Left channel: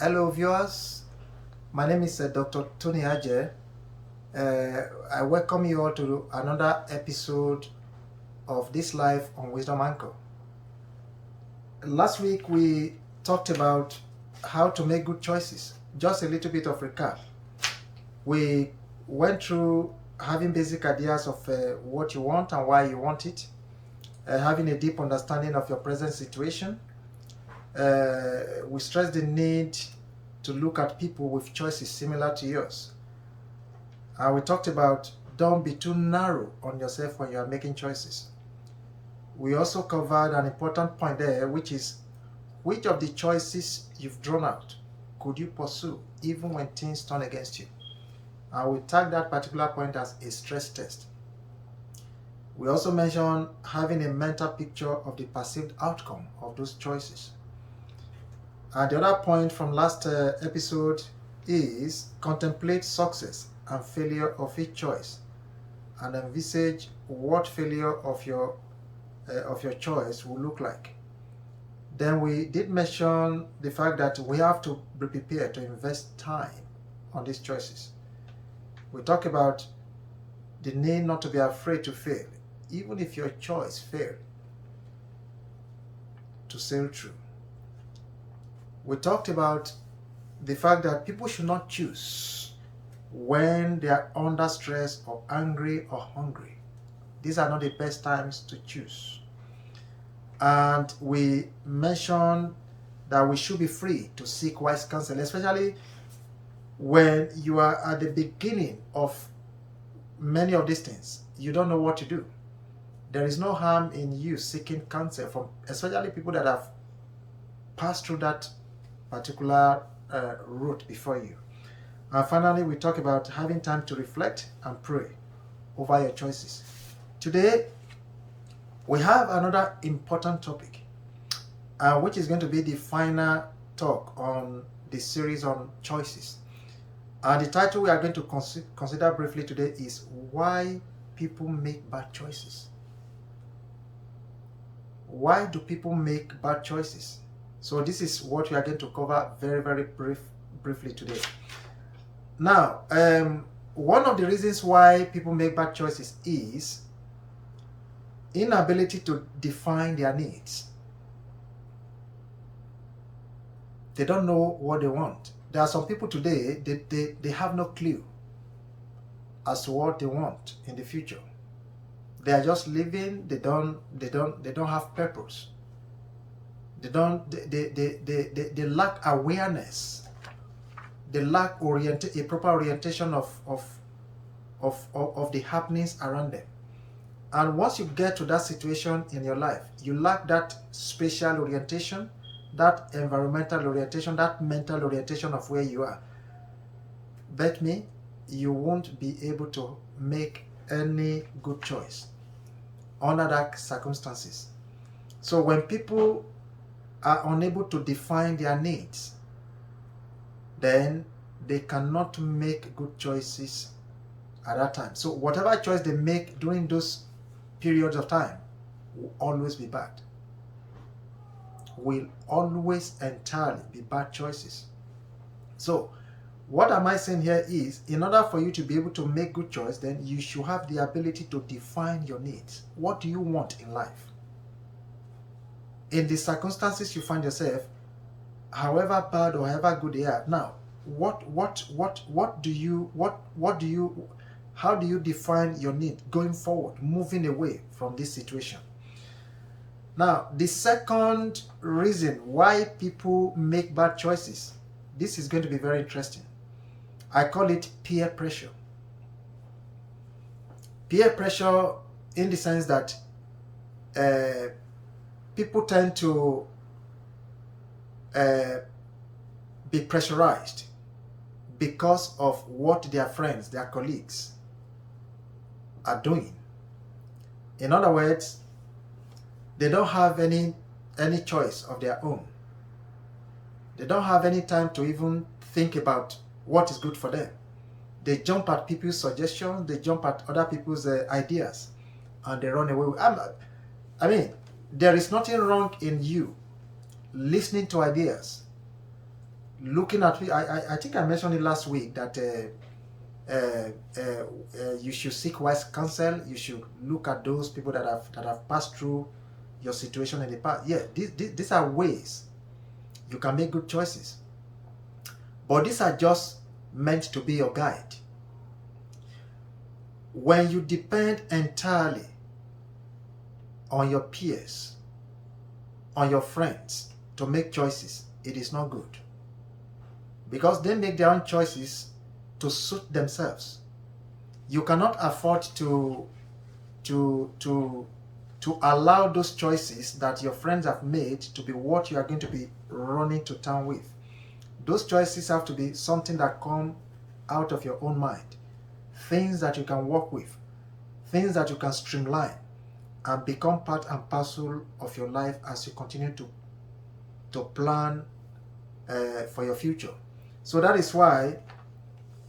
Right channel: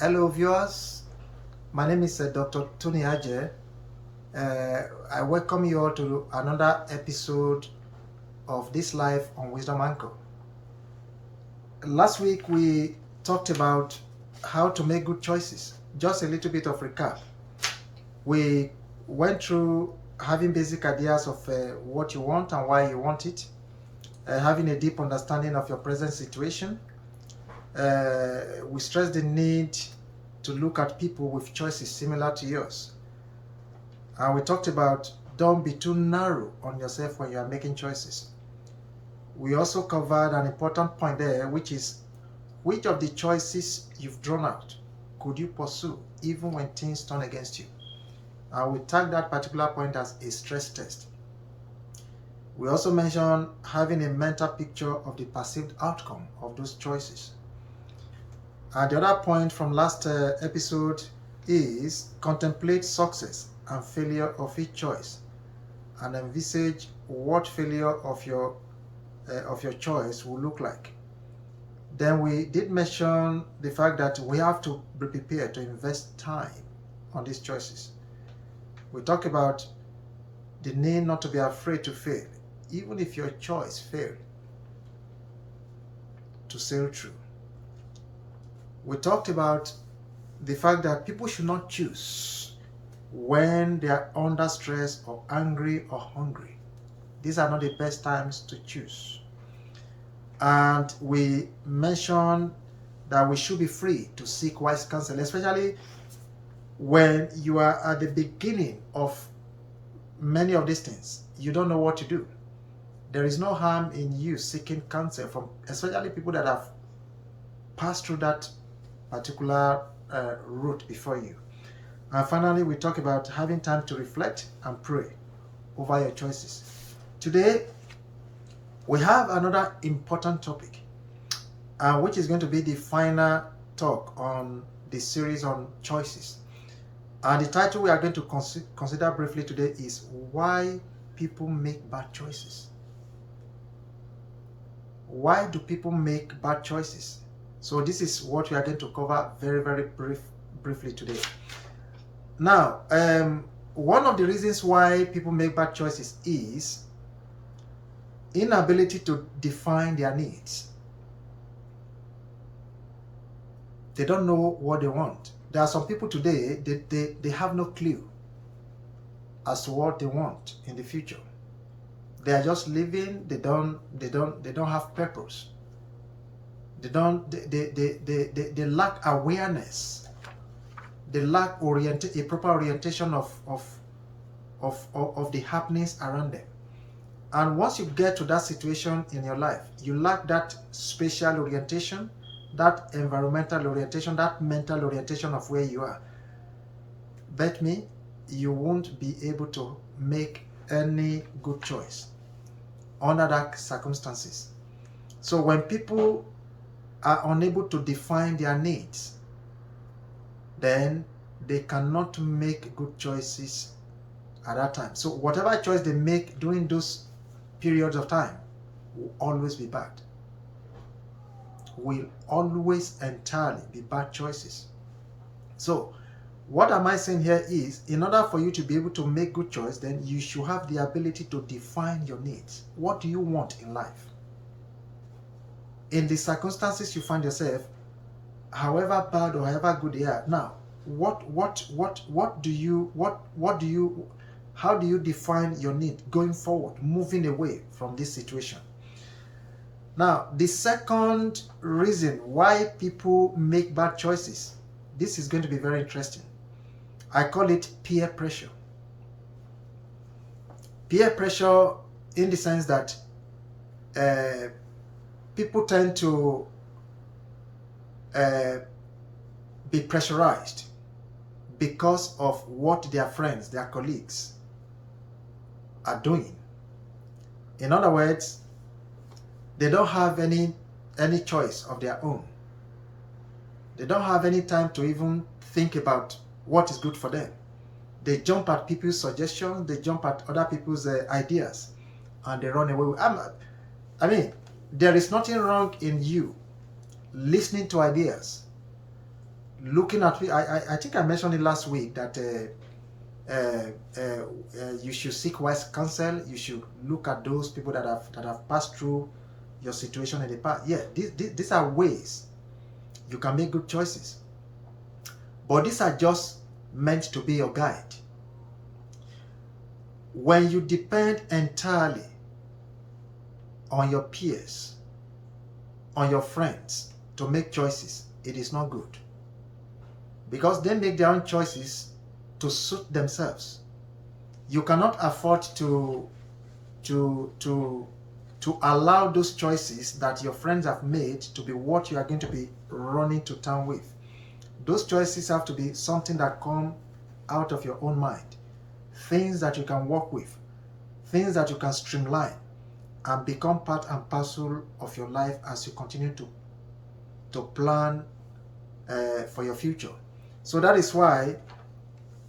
Hello, viewers. My name is Dr. Tony Aje. I welcome you all to another episode of This Life on Wisdom Anchor. Last week, we talked about how to make good choices. Just a little bit of recap. We went through having basic ideas of what you want and why you want it, having a deep understanding of your present situation. We stressed the need to look at people with choices similar to yours. And we talked about don't be too narrow on yourself when you are making choices. We also covered an important point there, which is which of the choices you've drawn out could you pursue even when things turn against you? And we tagged that particular point as a stress test. We also mentioned having a mental picture of the perceived outcome of those choices. And the other point from last episode is contemplate success and failure of each choice and envisage what failure of your choice will look like. Then we did mention the fact that we have to be prepared to invest time on these choices. We talk about the need not to be afraid to fail, even if your choice failed, to sail through. We talked about the fact that people should not choose when they are under stress or angry or hungry. These are not the best times to choose. And we mentioned that we should be free to seek wise counsel, especially when you are at the beginning of many of these things. You don't know what to do. There is no harm in you seeking counsel from especially people that have passed through that particular route before you. And finally, we talk about having time to reflect and pray over your choices. Today, we have another important topic, which is going to be the final talk on the series on choices. And the title we are going to consider briefly today is Why People Make Bad Choices. Why do people make bad choices? So this is what we are going to cover very, very briefly today. Now, one of the reasons why people make bad choices is inability to define their needs. They don't know what they want. There are some people today, they have no clue as to what they want in the future. They are just living, they don't have purpose. They lack awareness. They lack a proper orientation of the happenings around them. And once you get to that situation in your life, you lack that spatial orientation, that environmental orientation, that mental orientation of where you are. Bet me, you won't be able to make any good choice under that circumstances. So when people are unable to define their needs, then they cannot make good choices at that time. So whatever choice they make during those periods of time will always be bad. Will always entirely be bad choices. So what am I saying here is, in order for you to be able to make good choice, then you should have the ability to define your needs. What do you want in life? In the circumstances you find yourself, however bad or however good they are, now how do you define your need going forward, moving away from this situation? Now, the second reason why people make bad choices, this is going to be very interesting. I call it peer pressure. Peer pressure in the sense that people tend to be pressurized because of what their friends, their colleagues are doing. In other words, they don't have any choice of their own. They don't have any time to even think about what is good for them. They jump at people's suggestions, they jump at other people's ideas, and they run away. I mean, there is nothing wrong in you listening to ideas, looking at, I think I mentioned it last week that you should seek wise counsel. You should look at those people that have passed through your situation in the past. Yeah, these are ways you can make good choices. But these are just meant to be your guide. When you depend entirely on your peers, on your friends to make choices, it is not good. Because they make their own choices to suit themselves. You cannot afford to allow those choices that your friends have made to be what you are going to be running to town with. Those choices have to be something that come out of your own mind. Things that you can work with. Things that you can streamline and become part and parcel of your life as you continue to plan for your future. So that is why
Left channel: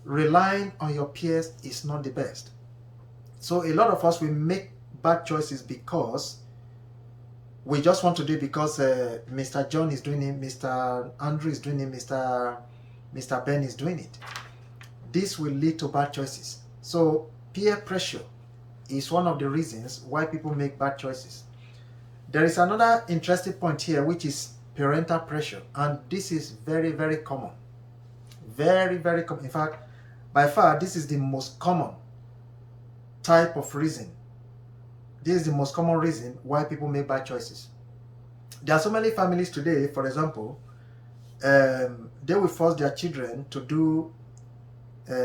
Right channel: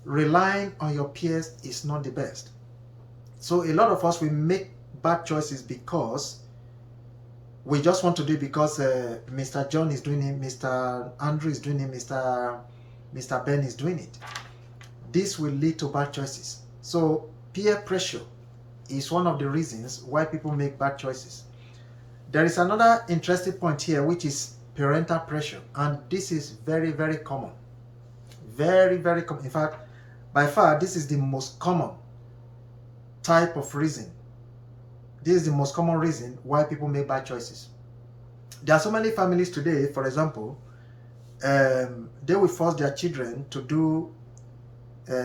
relying on your peers is not the best. So a lot of us, we make bad choices because we just want to do it because Mr. John is doing it, Mr. Andrew is doing it, Mr. Ben is doing it. This will lead to bad choices. So peer pressure is one of the reasons why people make bad choices. There is another interesting point here, which is parental pressure. And this is very, very common. Very, very common. In fact, by far, this is the most common type of reason. This is the most common reason why people make bad choices. There are so many families today, for example, they will force their children to do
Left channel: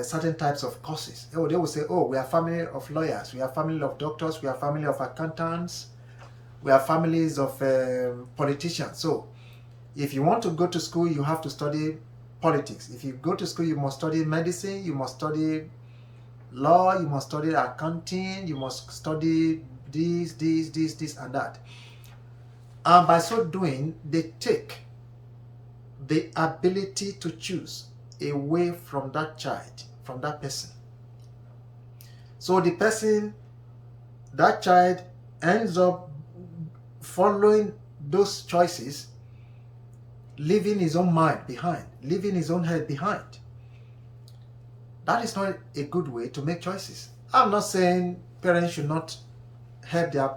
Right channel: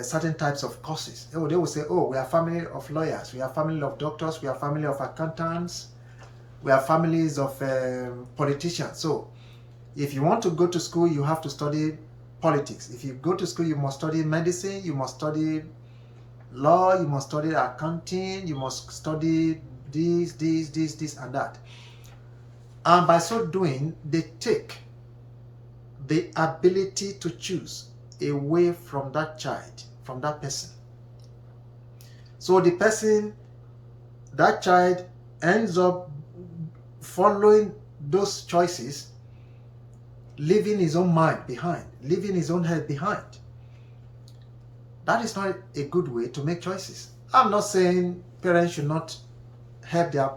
certain types of courses. Oh, they will say, oh, we are family of lawyers, we are family of doctors, we are family of accountants, we are families of politicians. So if you want to go to school, you have to study politics. If you go to school, you must study medicine, you must study law, you must study accounting, you must study this, and that. And by so doing, they take the ability to choose away from that child, from that person. So the person, that child, ends up following those choices, leaving his own mind behind, leaving his own head behind. That is not a good way to make choices. I'm not saying parents should not help their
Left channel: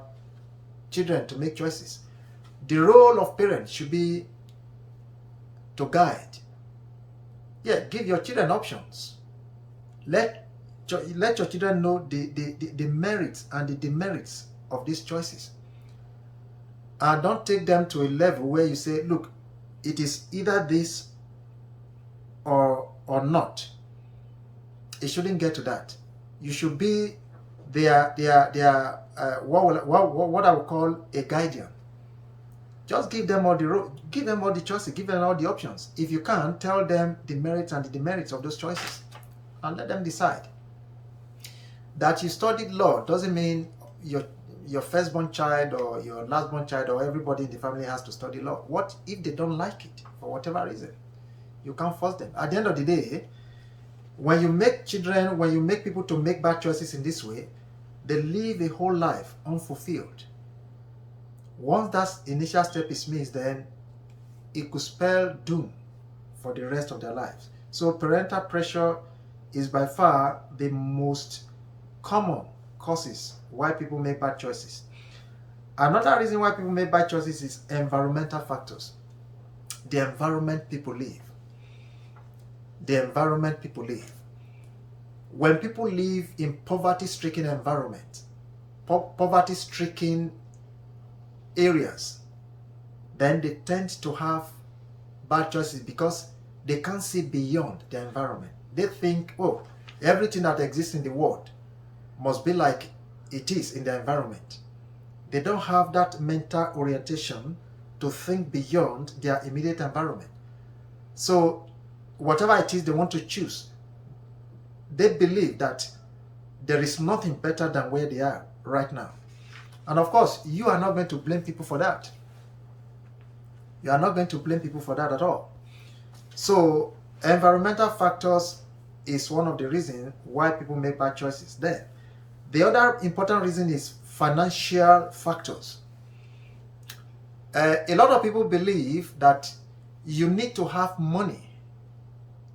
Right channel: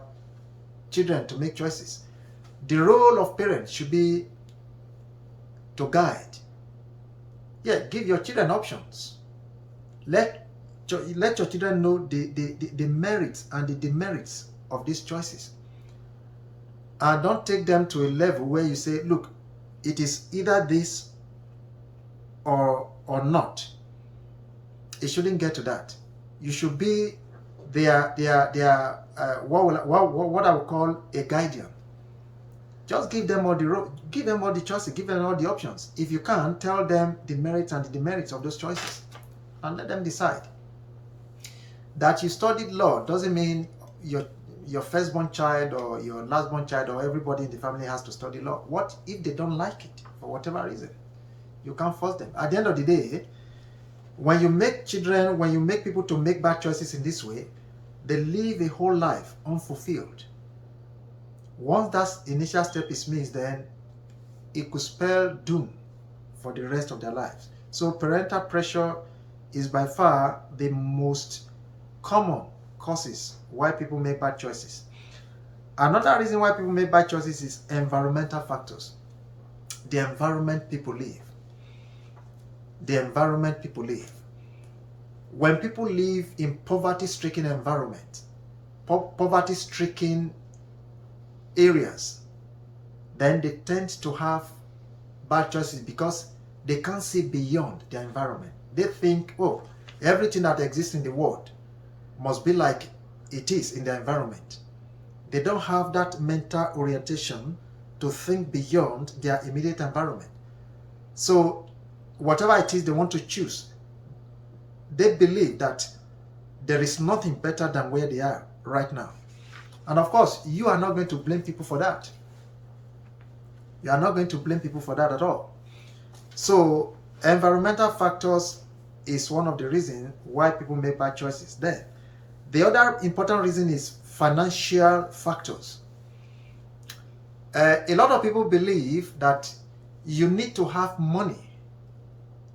children to make choices. The role of parents should be to guide. Yeah, give your children options. Let your children know the merits and the demerits of these choices. And don't take them to a level where you say, look, it is either this or not. It shouldn't get to that. You should be what I would call a guardian. Just give them all the choices, give them all the options. If you can't, tell them the merits and the demerits of those choices, and let them decide. That you studied law doesn't mean your firstborn child or your lastborn child or everybody in the family has to study law. What if they don't like it for whatever reason? You can't force them. At the end of the day, when you make people to make bad choices in this way, they live a whole life unfulfilled. Once that initial step is missed, then it could spell doom for the rest of their lives. So parental pressure is by far the most common causes why people make bad choices. Another reason why people make bad choices is environmental factors. The environment people live. The environment people live. When people live in poverty-stricken environment, poverty-stricken areas, then they tend to have bad choices because they can't see beyond their environment. They think, oh, everything that exists in the world must be like it is in the environment. They don't have that mental orientation to think beyond their immediate environment. So whatever it is they want to choose, they believe that there is nothing better than where they are right now. And of course, you are not going to blame people for that. You are not going to blame people for that at all. So environmental factors is one of the reasons why people make bad choices. Then the other important reason is financial factors. A lot of people believe that you need to have money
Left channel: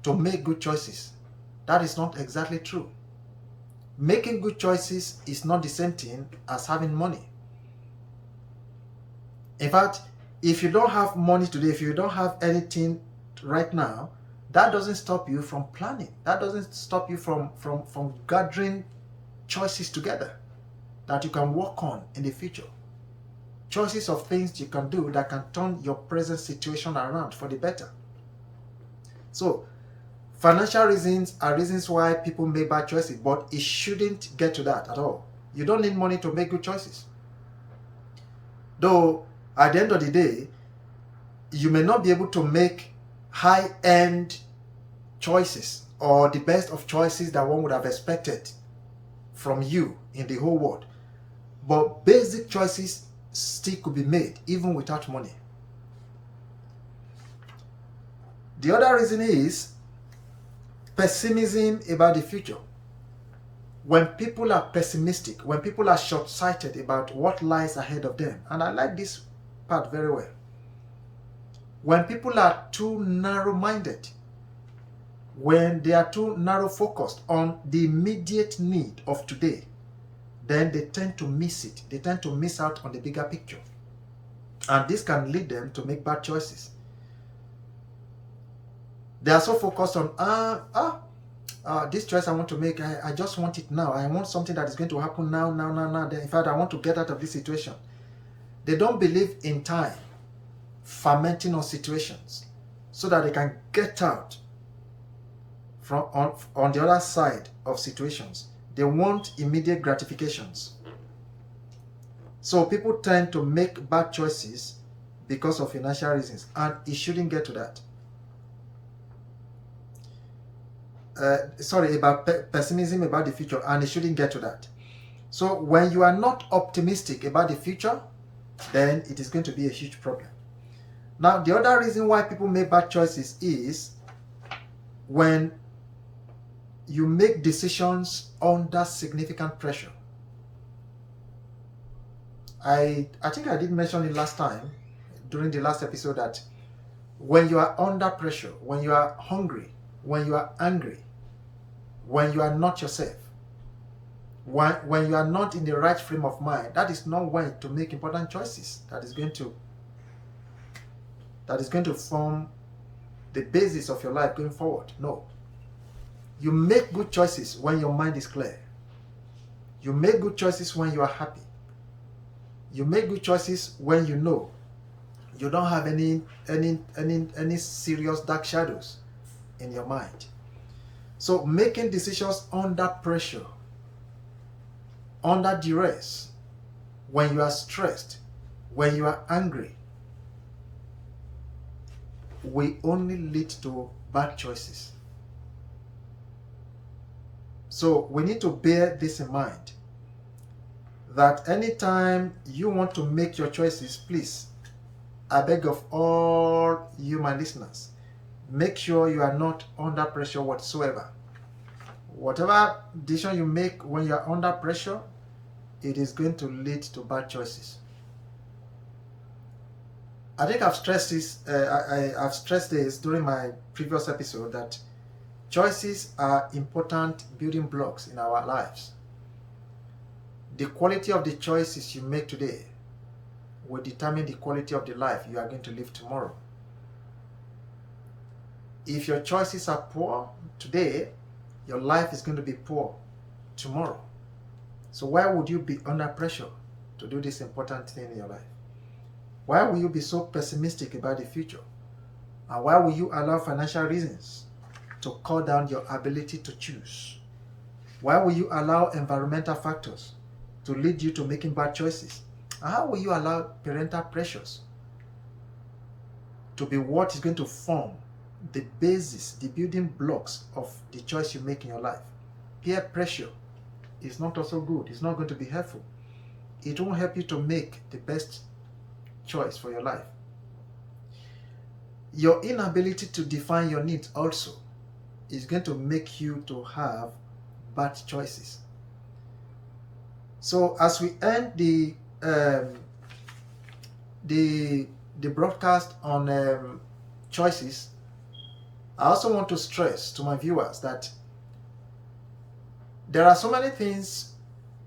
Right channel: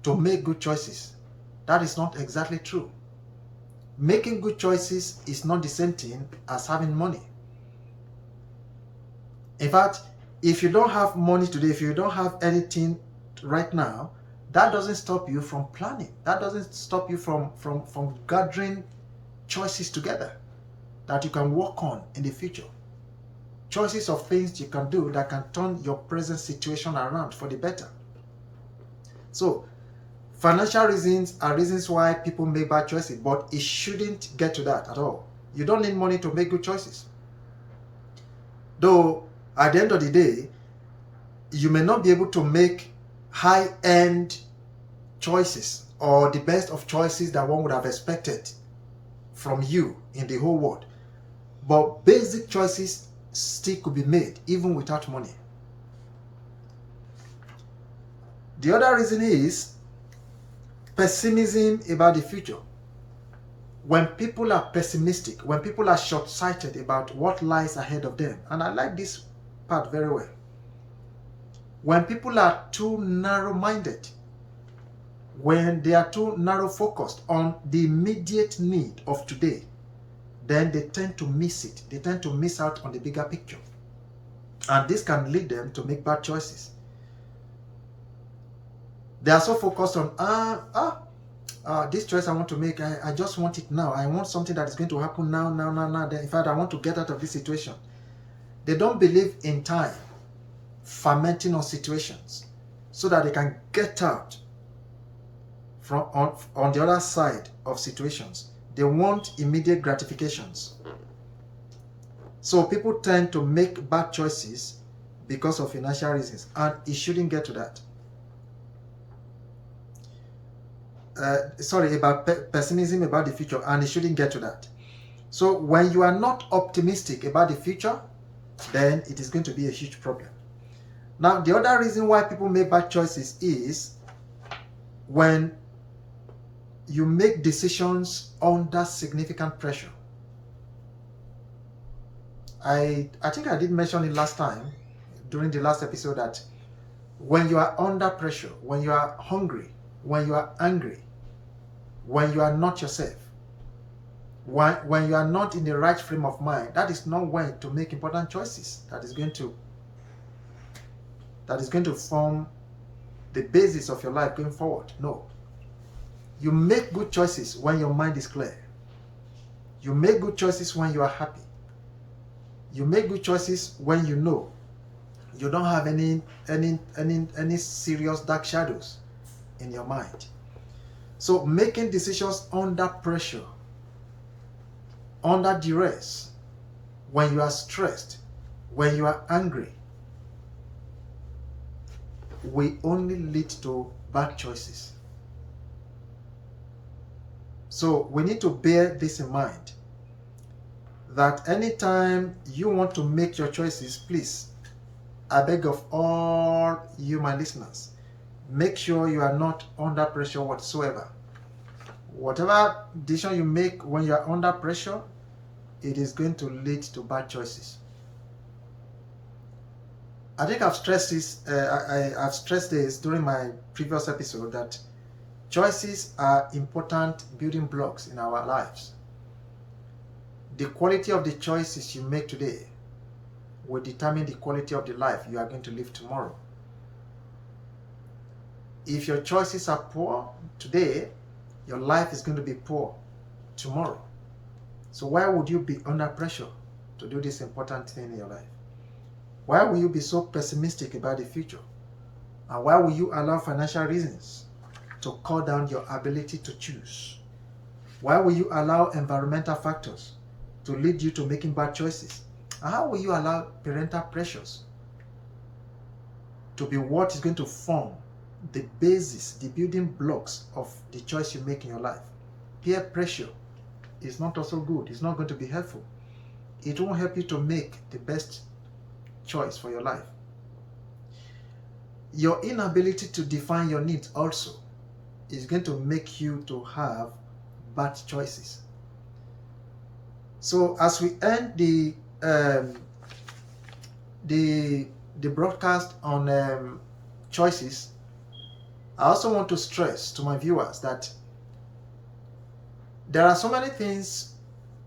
to make good choices. That is not exactly true. Making good choices is not the same thing as having money. In fact, if you don't have money today, if you don't have anything right now, that doesn't stop you from planning. That doesn't stop you from gathering choices together that you can work on in the future. Choices of things you can do that can turn your present situation around for the better. So, financial reasons are reasons why people make bad choices, but it shouldn't get to that at all. You don't need money to make good choices. Though, at the end of the day, you may not be able to make high-end choices or the best of choices that one would have expected from you in the whole world. But basic choices still could be made even without money. The other reason is pessimism about the future. When people are pessimistic, when people are short-sighted about what lies ahead of them, and I like this part very well. When people are too narrow-minded, when they are too narrow-focused on the immediate need of today, then they tend to miss it. They tend to miss out on the bigger picture. And this can lead them to make bad choices. They are so focused on, this choice I want to make, I just want it now. I want something that is going to happen now. In fact, I want to get out of this situation. They don't believe in time, fermenting on situations, so that they can get out from on the other side of situations. They want immediate gratifications. So people tend to make bad choices because of financial reasons, and it shouldn't get to that. About pessimism about the future, and it shouldn't get to that. So when you are not optimistic about the future, then it is going to be a huge problem. Now, the other reason why people make bad choices is when you make decisions under significant pressure. I think I did mention it last time during the last episode that when you are under pressure, when you are hungry, when you are angry, when you are not yourself, when you are not in the right frame of mind, that is not when to make important choices that is going to form the basis of your life going forward. No. You make good choices when your mind is clear. You make good choices when you are happy. You make good choices when you know you don't have any serious dark shadows in your mind. So making decisions under pressure, under duress, when you are stressed, when you are angry, will only lead to bad choices. So we need to bear this in mind, that anytime you want to make your choices, please, I beg of all you, my listeners, make sure you are not under pressure whatsoever. Whatever decision you make when you are under pressure, it is going to lead to bad choices. I think I've stressed this. I've stressed this during my previous episode that choices are important building blocks in our lives. The quality of the choices you make today will determine the quality of the life you are going to live tomorrow. If your choices are poor today, your life is going to be poor tomorrow. So why would you be under pressure to do this important thing in your life? Why will you be so pessimistic about the future? And why will you allow financial reasons to cut down your ability to choose? Why will you allow environmental factors to lead you to making bad choices? And how will you allow parental pressures to be what is going to form the basis, the building blocks of the choice you make in your life? Peer pressure is not also good. It's not going to be helpful. It won't help you to make the best choice for your life. Your inability to define your needs also is going to make you to have bad choices. So as we end the broadcast on choices, I also want to stress to my viewers that there are so many things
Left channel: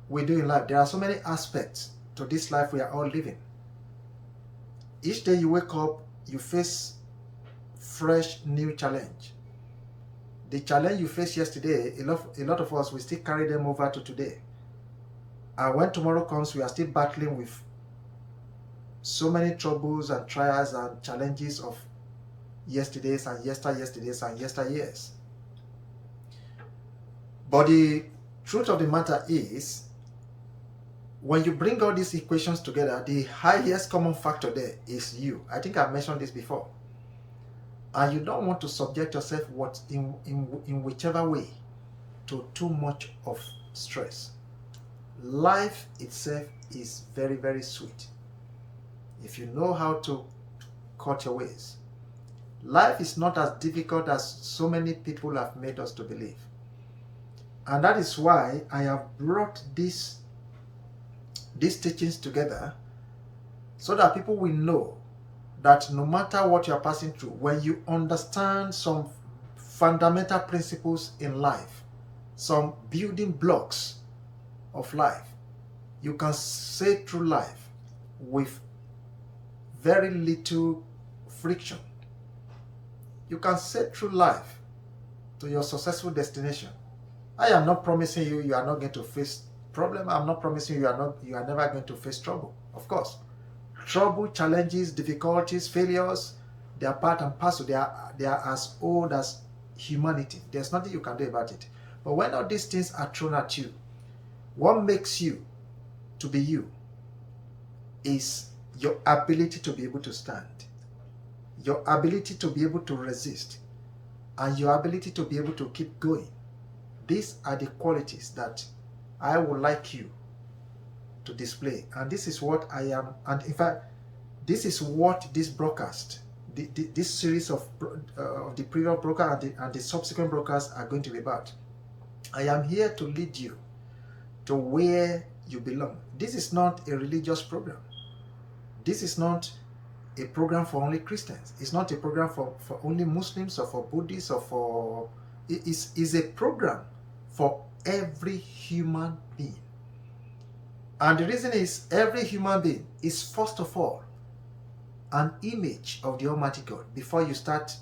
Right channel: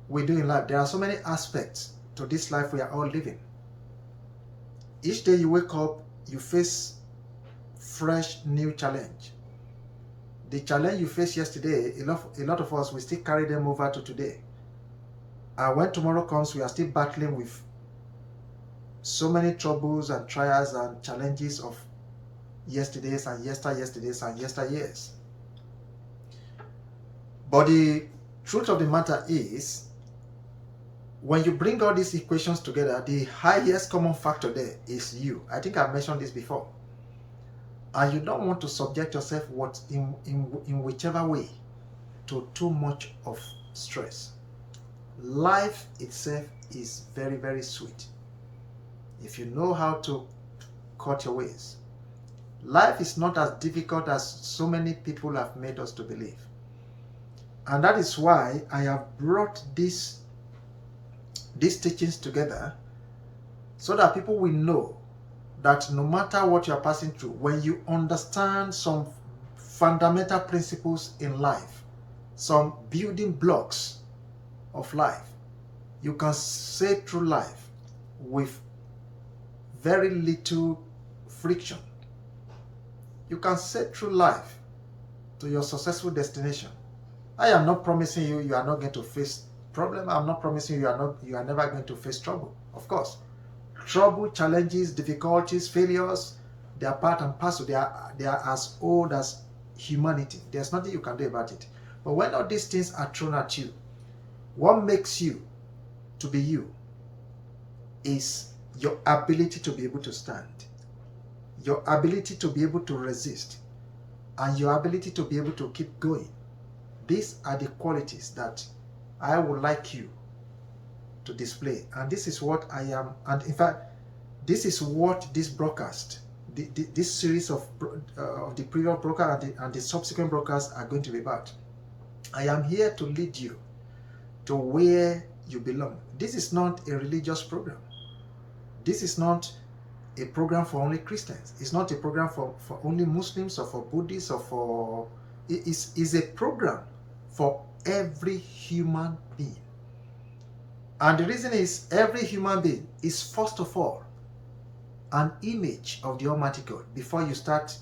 we do in life. There are so many aspects to this life we are all living. Each day you wake up, you face fresh new challenge. The challenge you faced yesterday, a lot of us, we still carry them over to today. And when tomorrow comes, we are still battling with so many troubles and trials and challenges of yesterdays and yesterdays and yesteryears. But the truth of the matter is, when you bring all these equations together, the highest common factor there is you. I think I've mentioned this before. And you don't want to subject yourself in whichever way to too much of stress. Life itself is very, very sweet if you know how to cut your ways. Life is not as difficult as so many people have made us to believe. And that is why I have brought these teachings together, so that people will know that no matter what you are passing through, when you understand some fundamental principles in life, some building blocks of life, you can say through life with very little friction. You can say through life to your successful destination. I am not promising you are not going to face problem. I'm not promising you are never going to face trouble. Of course, trouble, challenges, difficulties, failures, they are part and parcel. They are as old as humanity. There's nothing you can do about it. But when all these things are thrown at you, what makes you to be you is your ability to be able to stand, your ability to be able to resist, and your ability to be able to keep going. These are the qualities that I would like you to display. And this is what I am. And in fact, this is what this broadcast, this series of the previous broadcast and the subsequent broadcasts are going to be about. I am here to lead you to where you belong. This is not a religious program. This is not a program for only Christians. It's not a program for only Muslims or for Buddhists or for... It is a program for every human being. And the reason is, every human being is first of all an image of the Almighty God. Before you start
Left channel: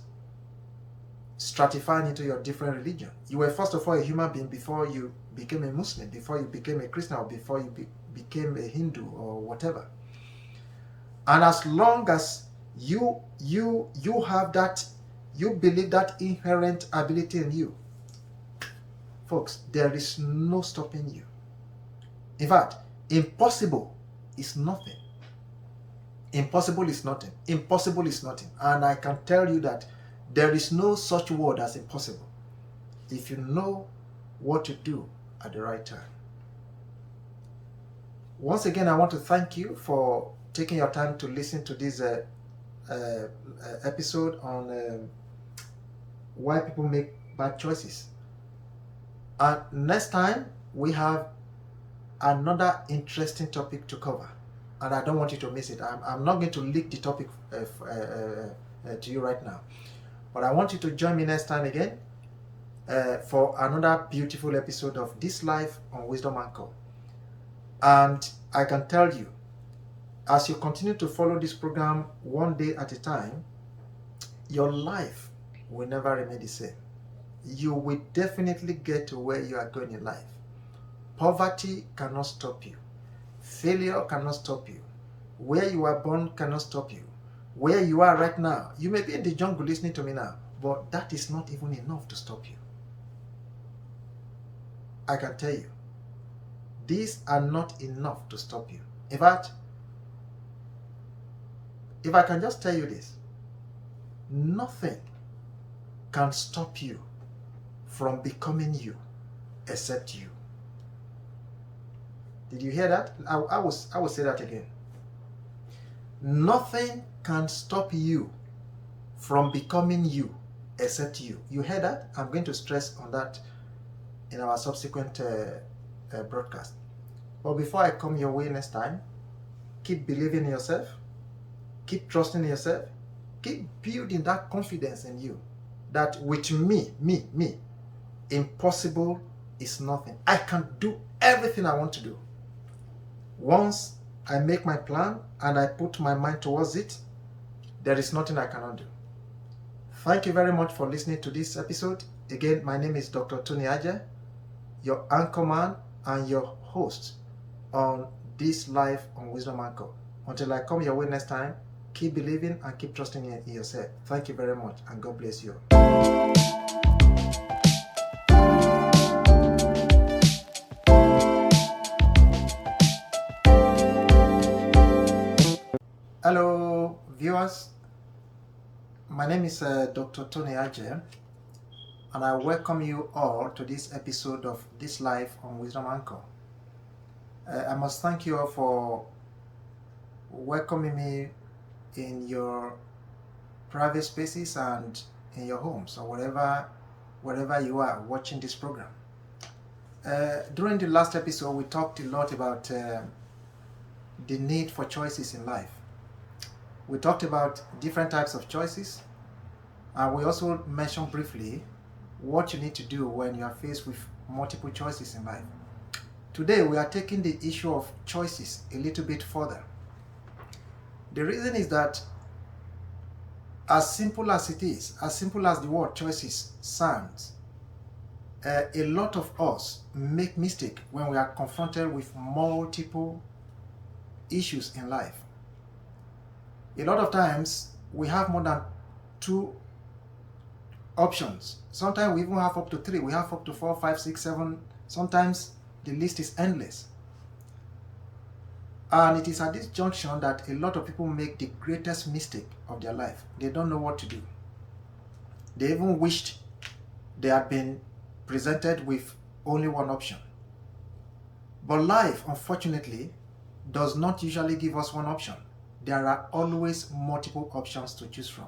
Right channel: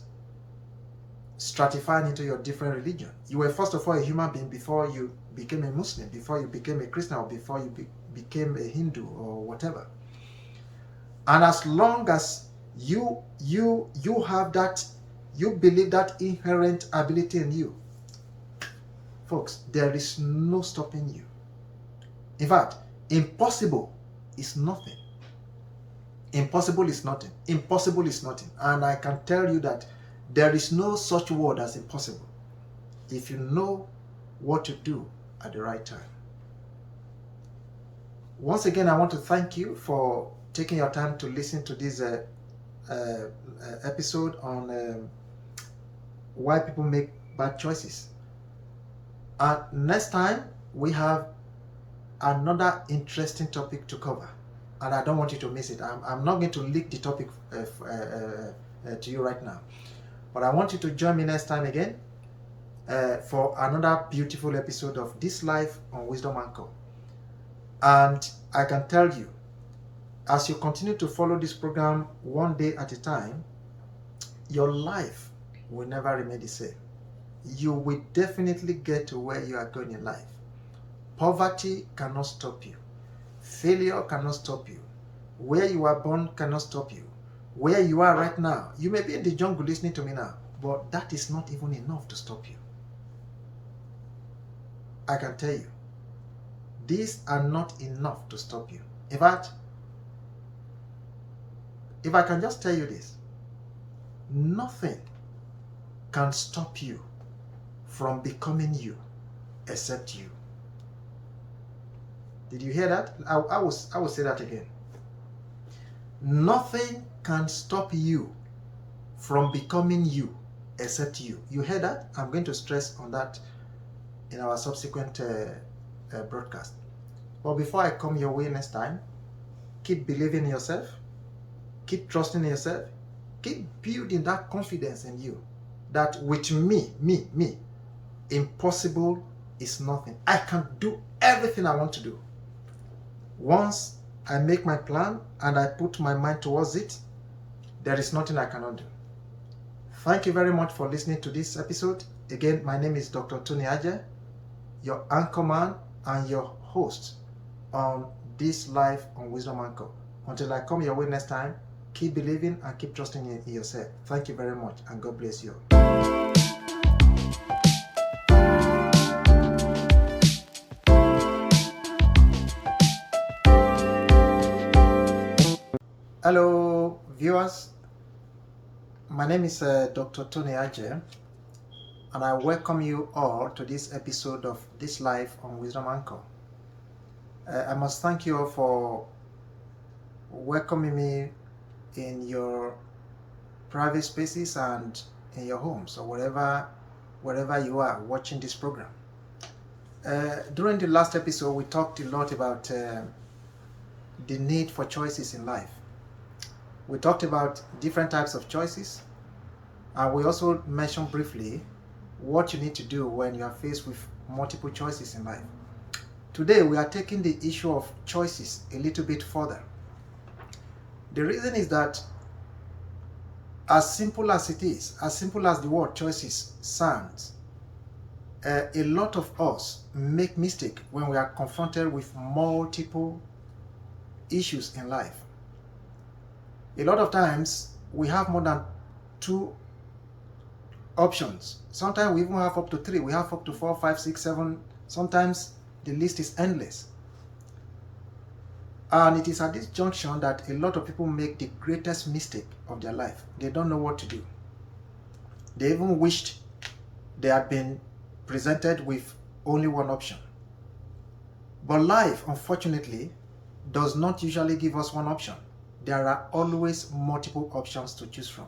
stratifying into your different religion, you were first of all a human being before you became a Muslim, before you became a Christian, or before you became a Hindu or whatever. And as long as you have that, you believe that inherent ability in you, folks, there is no stopping you. In fact, impossible is nothing. Impossible is nothing. Impossible is nothing. And I can tell you that there is no such word as impossible if you know what to do at the right time. Once again, I want to thank you for taking your time to listen to this episode on why people make bad choices. And next time, we have another interesting topic to cover, and I don't want you to miss it. I'm not going to leak the topic to you right now, but I want you to join me next time again for another beautiful episode of This Life on Wisdom Anchor. And I can tell you, as you continue to follow this program one day at a time, your life will never remain the same. You will definitely get to where you are going in life. Poverty cannot stop you. Failure cannot stop you. Where you are born cannot stop you. Where you are right now, you may be in the jungle listening to me now, but that is not even enough to stop you. I can tell you, these are not enough to stop you. In fact, if I can just tell you this, nothing can stop you from becoming you except you. Did you hear that? I will say that again. Nothing can stop you from becoming you except you. You heard that? I'm going to stress on that in our subsequent broadcast. But before I come your way next time, keep believing in yourself, keep trusting in yourself, keep building that confidence in you that with me, impossible is nothing. I can do everything I want to do. Once I make my plan and I put my mind towards it, there is nothing I cannot do. Thank you very much for listening to this episode. Again, my name is Dr. Tony Aje, your anchorman and your host on this Life on Wisdom Anchor. Until I come your way next time, keep believing and keep trusting in yourself. Thank you very much, and God bless you. Hello, viewers. My name is Dr. Tony Aje, and I welcome you all to this episode of This Life on Wisdom Anchor. I must thank you all for welcoming me in your private spaces and in your homes or wherever you are watching this program. During the last episode, we talked a lot about the need for choices in life. We talked about different types of choices, and we also mentioned briefly what you need to do when you are faced with multiple choices in life. Today, we are taking the issue of choices a little bit further. The reason is that as simple as it is, as simple as the word choices sounds, a lot of us make mistakes when we are confronted with multiple issues in life. A lot of times, we have more than 2 options. Sometimes we even have up to 3. We have up to 4, 5, 6, 7. Sometimes the list is endless. And it is at this junction that a lot of people make the greatest mistake of their life. They don't know what to do. They even wished they had been presented with only one option. But life, unfortunately, does not usually give us one option. There are always multiple options to choose from.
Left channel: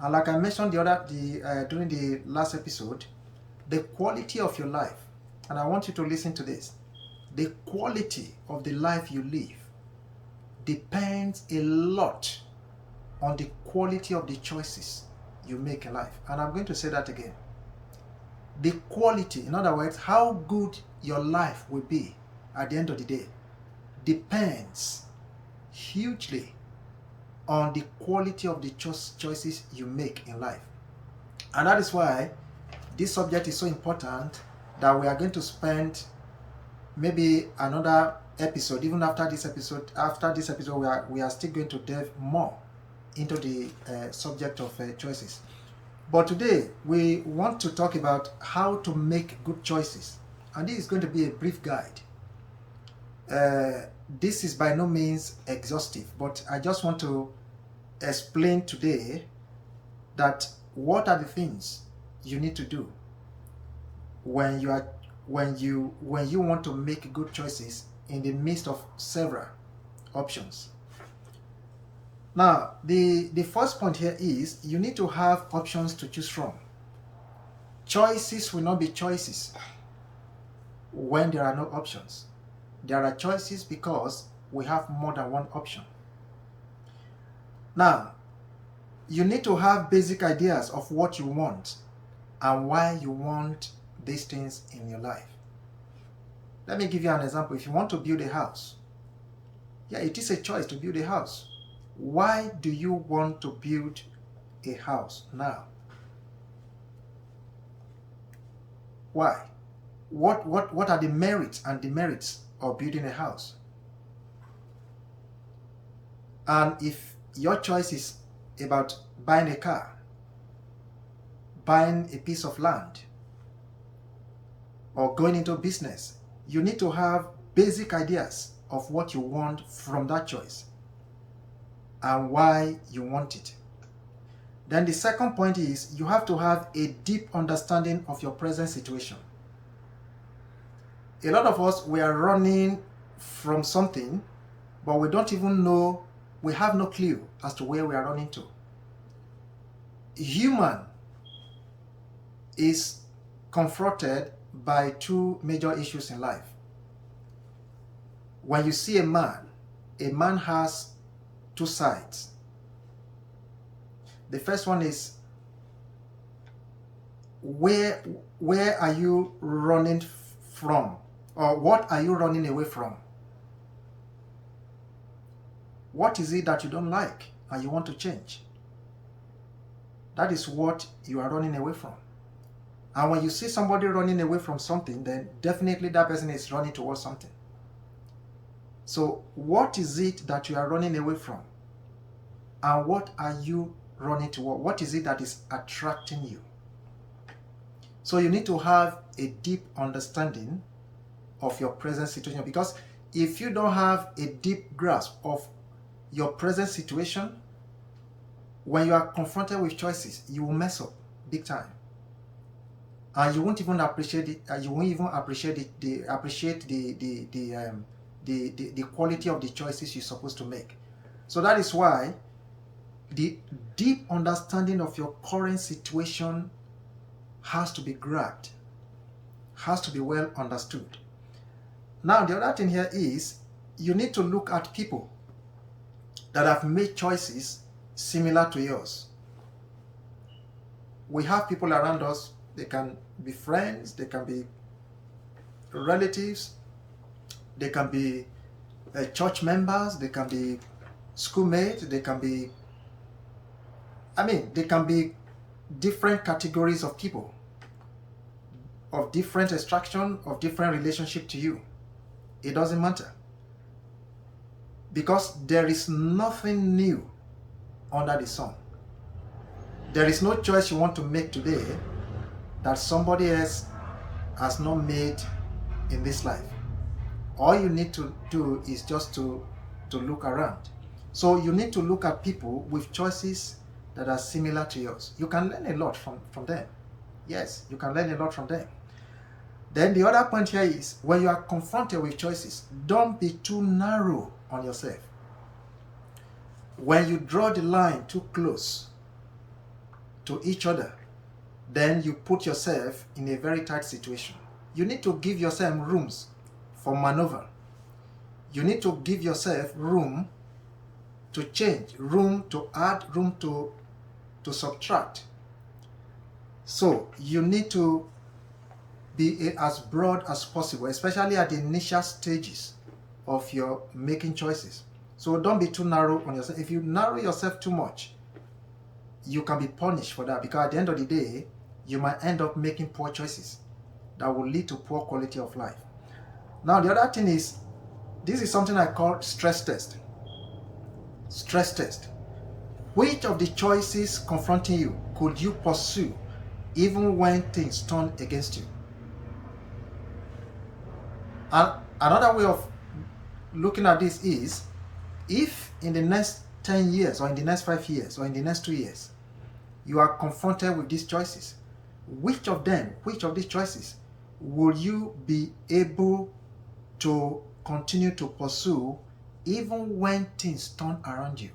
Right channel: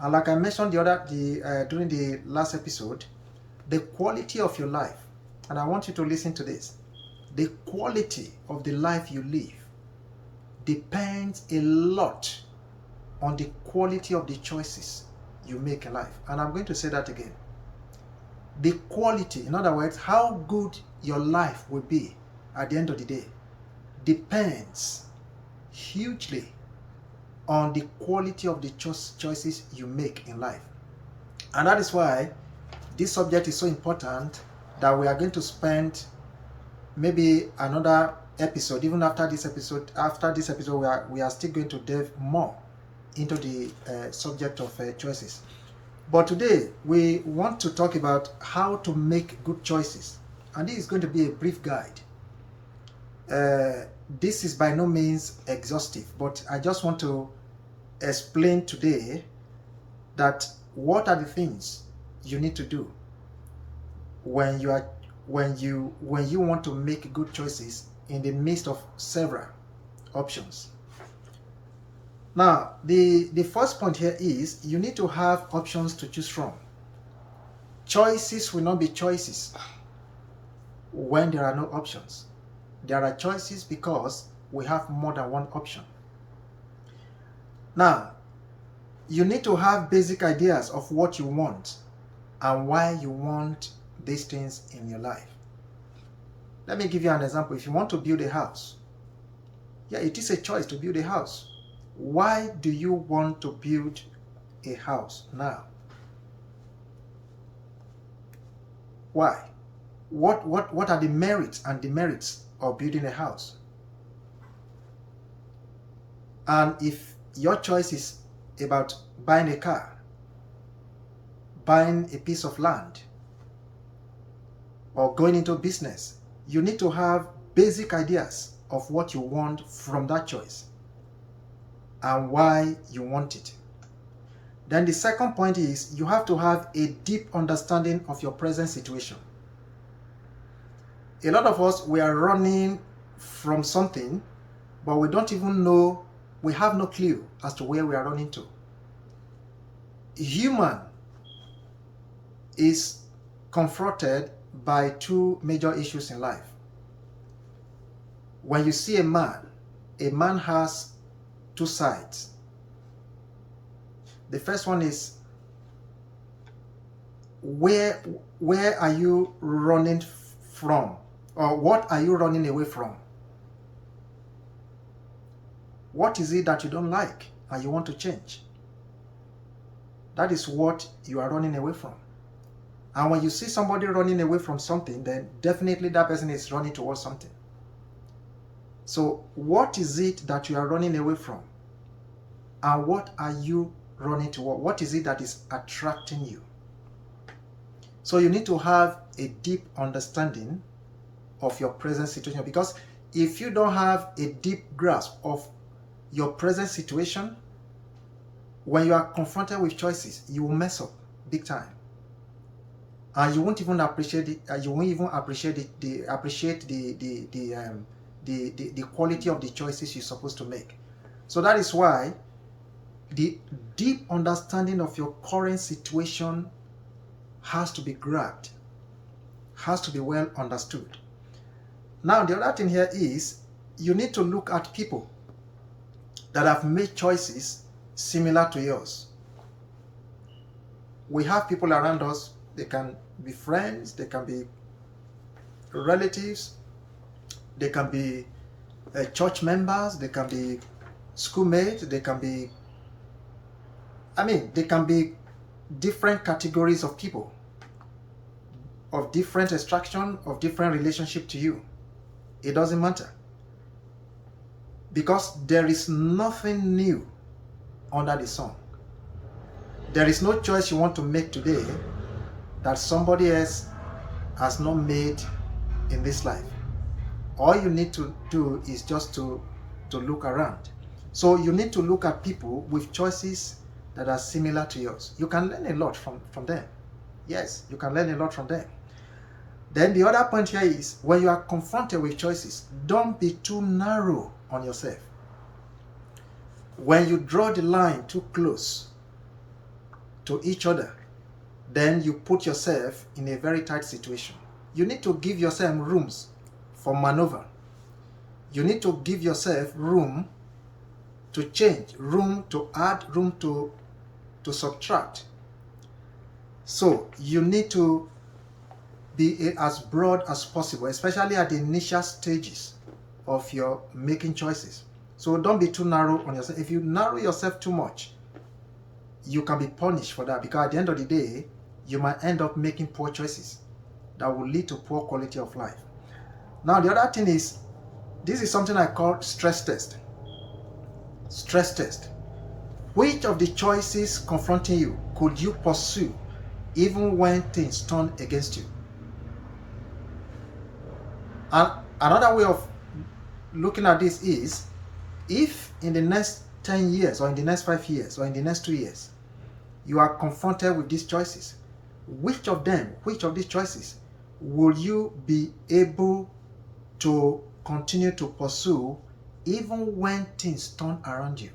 And like I mentioned during the last episode, the quality of your life, and I want you to listen to this, the quality of the life you live depends a lot on the quality of the choices you make in life. And I'm going to say that again. The quality, in other words, how good your life will be at the end of the day, depends hugely on the quality of the choices you make in life. And that is why this subject is so important that we are going to spend maybe another episode. Even after this episode, we are still going to delve more into the subject of choices. But today we want to talk about how to make good choices, and this is going to be a brief guide. This is by no means exhaustive, but I just want to explain today that what are the things you need to do when you want to make good choices in the midst of several options. Now, the first point here is you need to have options to choose from. Choices will not be choices when there are no options. There are choices because we have more than one option. Now, you need to have basic ideas of what you want and why you want these things in your life. Let me give you an example. If you want to build a house, it is a choice to build a house. Why do you want to build a house now? Why? What are the merits and demerits of building a house? And if your choice is about buying a car, buying a piece of land, or going into business, you need to have basic ideas of what you want from that choice and why you want it. Then the second point is you have to have a deep understanding of your present situation. A lot of us, we are running from something, but we don't even know, we have no clue as to where we are running to. Human is confronted by 2 major issues in life. When you see a man has 2 sides. The first one is where are you running from, or what are you running away from? What is it that you don't like and you want to change? That is what you are running away from. And when you see somebody running away from something, then definitely that person is running towards something. So what is it that you are running away from? And what are you running toward? What is it that is attracting you? So you need to have a deep understanding of your present situation, because if you don't have a deep grasp of your present situation, when you are confronted with choices, you will mess up big time, and you won't even appreciate it. You won't even appreciate the quality of the choices you're supposed to make. So that is why the deep understanding of your current situation has to be grabbed, has to be well understood. Now, the other thing here is you need to look at people that have made choices similar to yours. We have people around us. They can be friends, they can be relatives, they can be church members, they can be schoolmates, they can be, they can be different categories of people, of different extraction, of different relationship to you. It doesn't matter, because there is nothing new under the sun. There is no choice you want to make today that somebody else has not made in this life. All you need to do is just to look around. So you need to look at people with choices that are similar to yours. You can learn a lot from them. Yes, you can learn a lot from them. Then the other point here is, when you are confronted with choices, don't be too narrow on yourself. When you draw the line too close to each other, then you put yourself in a very tight situation. You need to give yourself rooms for maneuver. You need to give yourself room to change, room to add, room to subtract. So you need to be as broad as possible, especially at the initial stages of your making choices. So don't be too narrow on yourself. If you narrow yourself too much, you can be punished for that, because at the end of the day, you might end up making poor choices that will lead to poor quality of life. Now, the other thing is, this is something I call stress test. Stress test. Which of the choices confronting you could you pursue even when things turn against you? And another way of looking at this is, if in the next 10 years, or in the next 5 years, or in the next 2 years, you are confronted with these choices, which of these choices will you be able to continue to pursue even when things turn around you?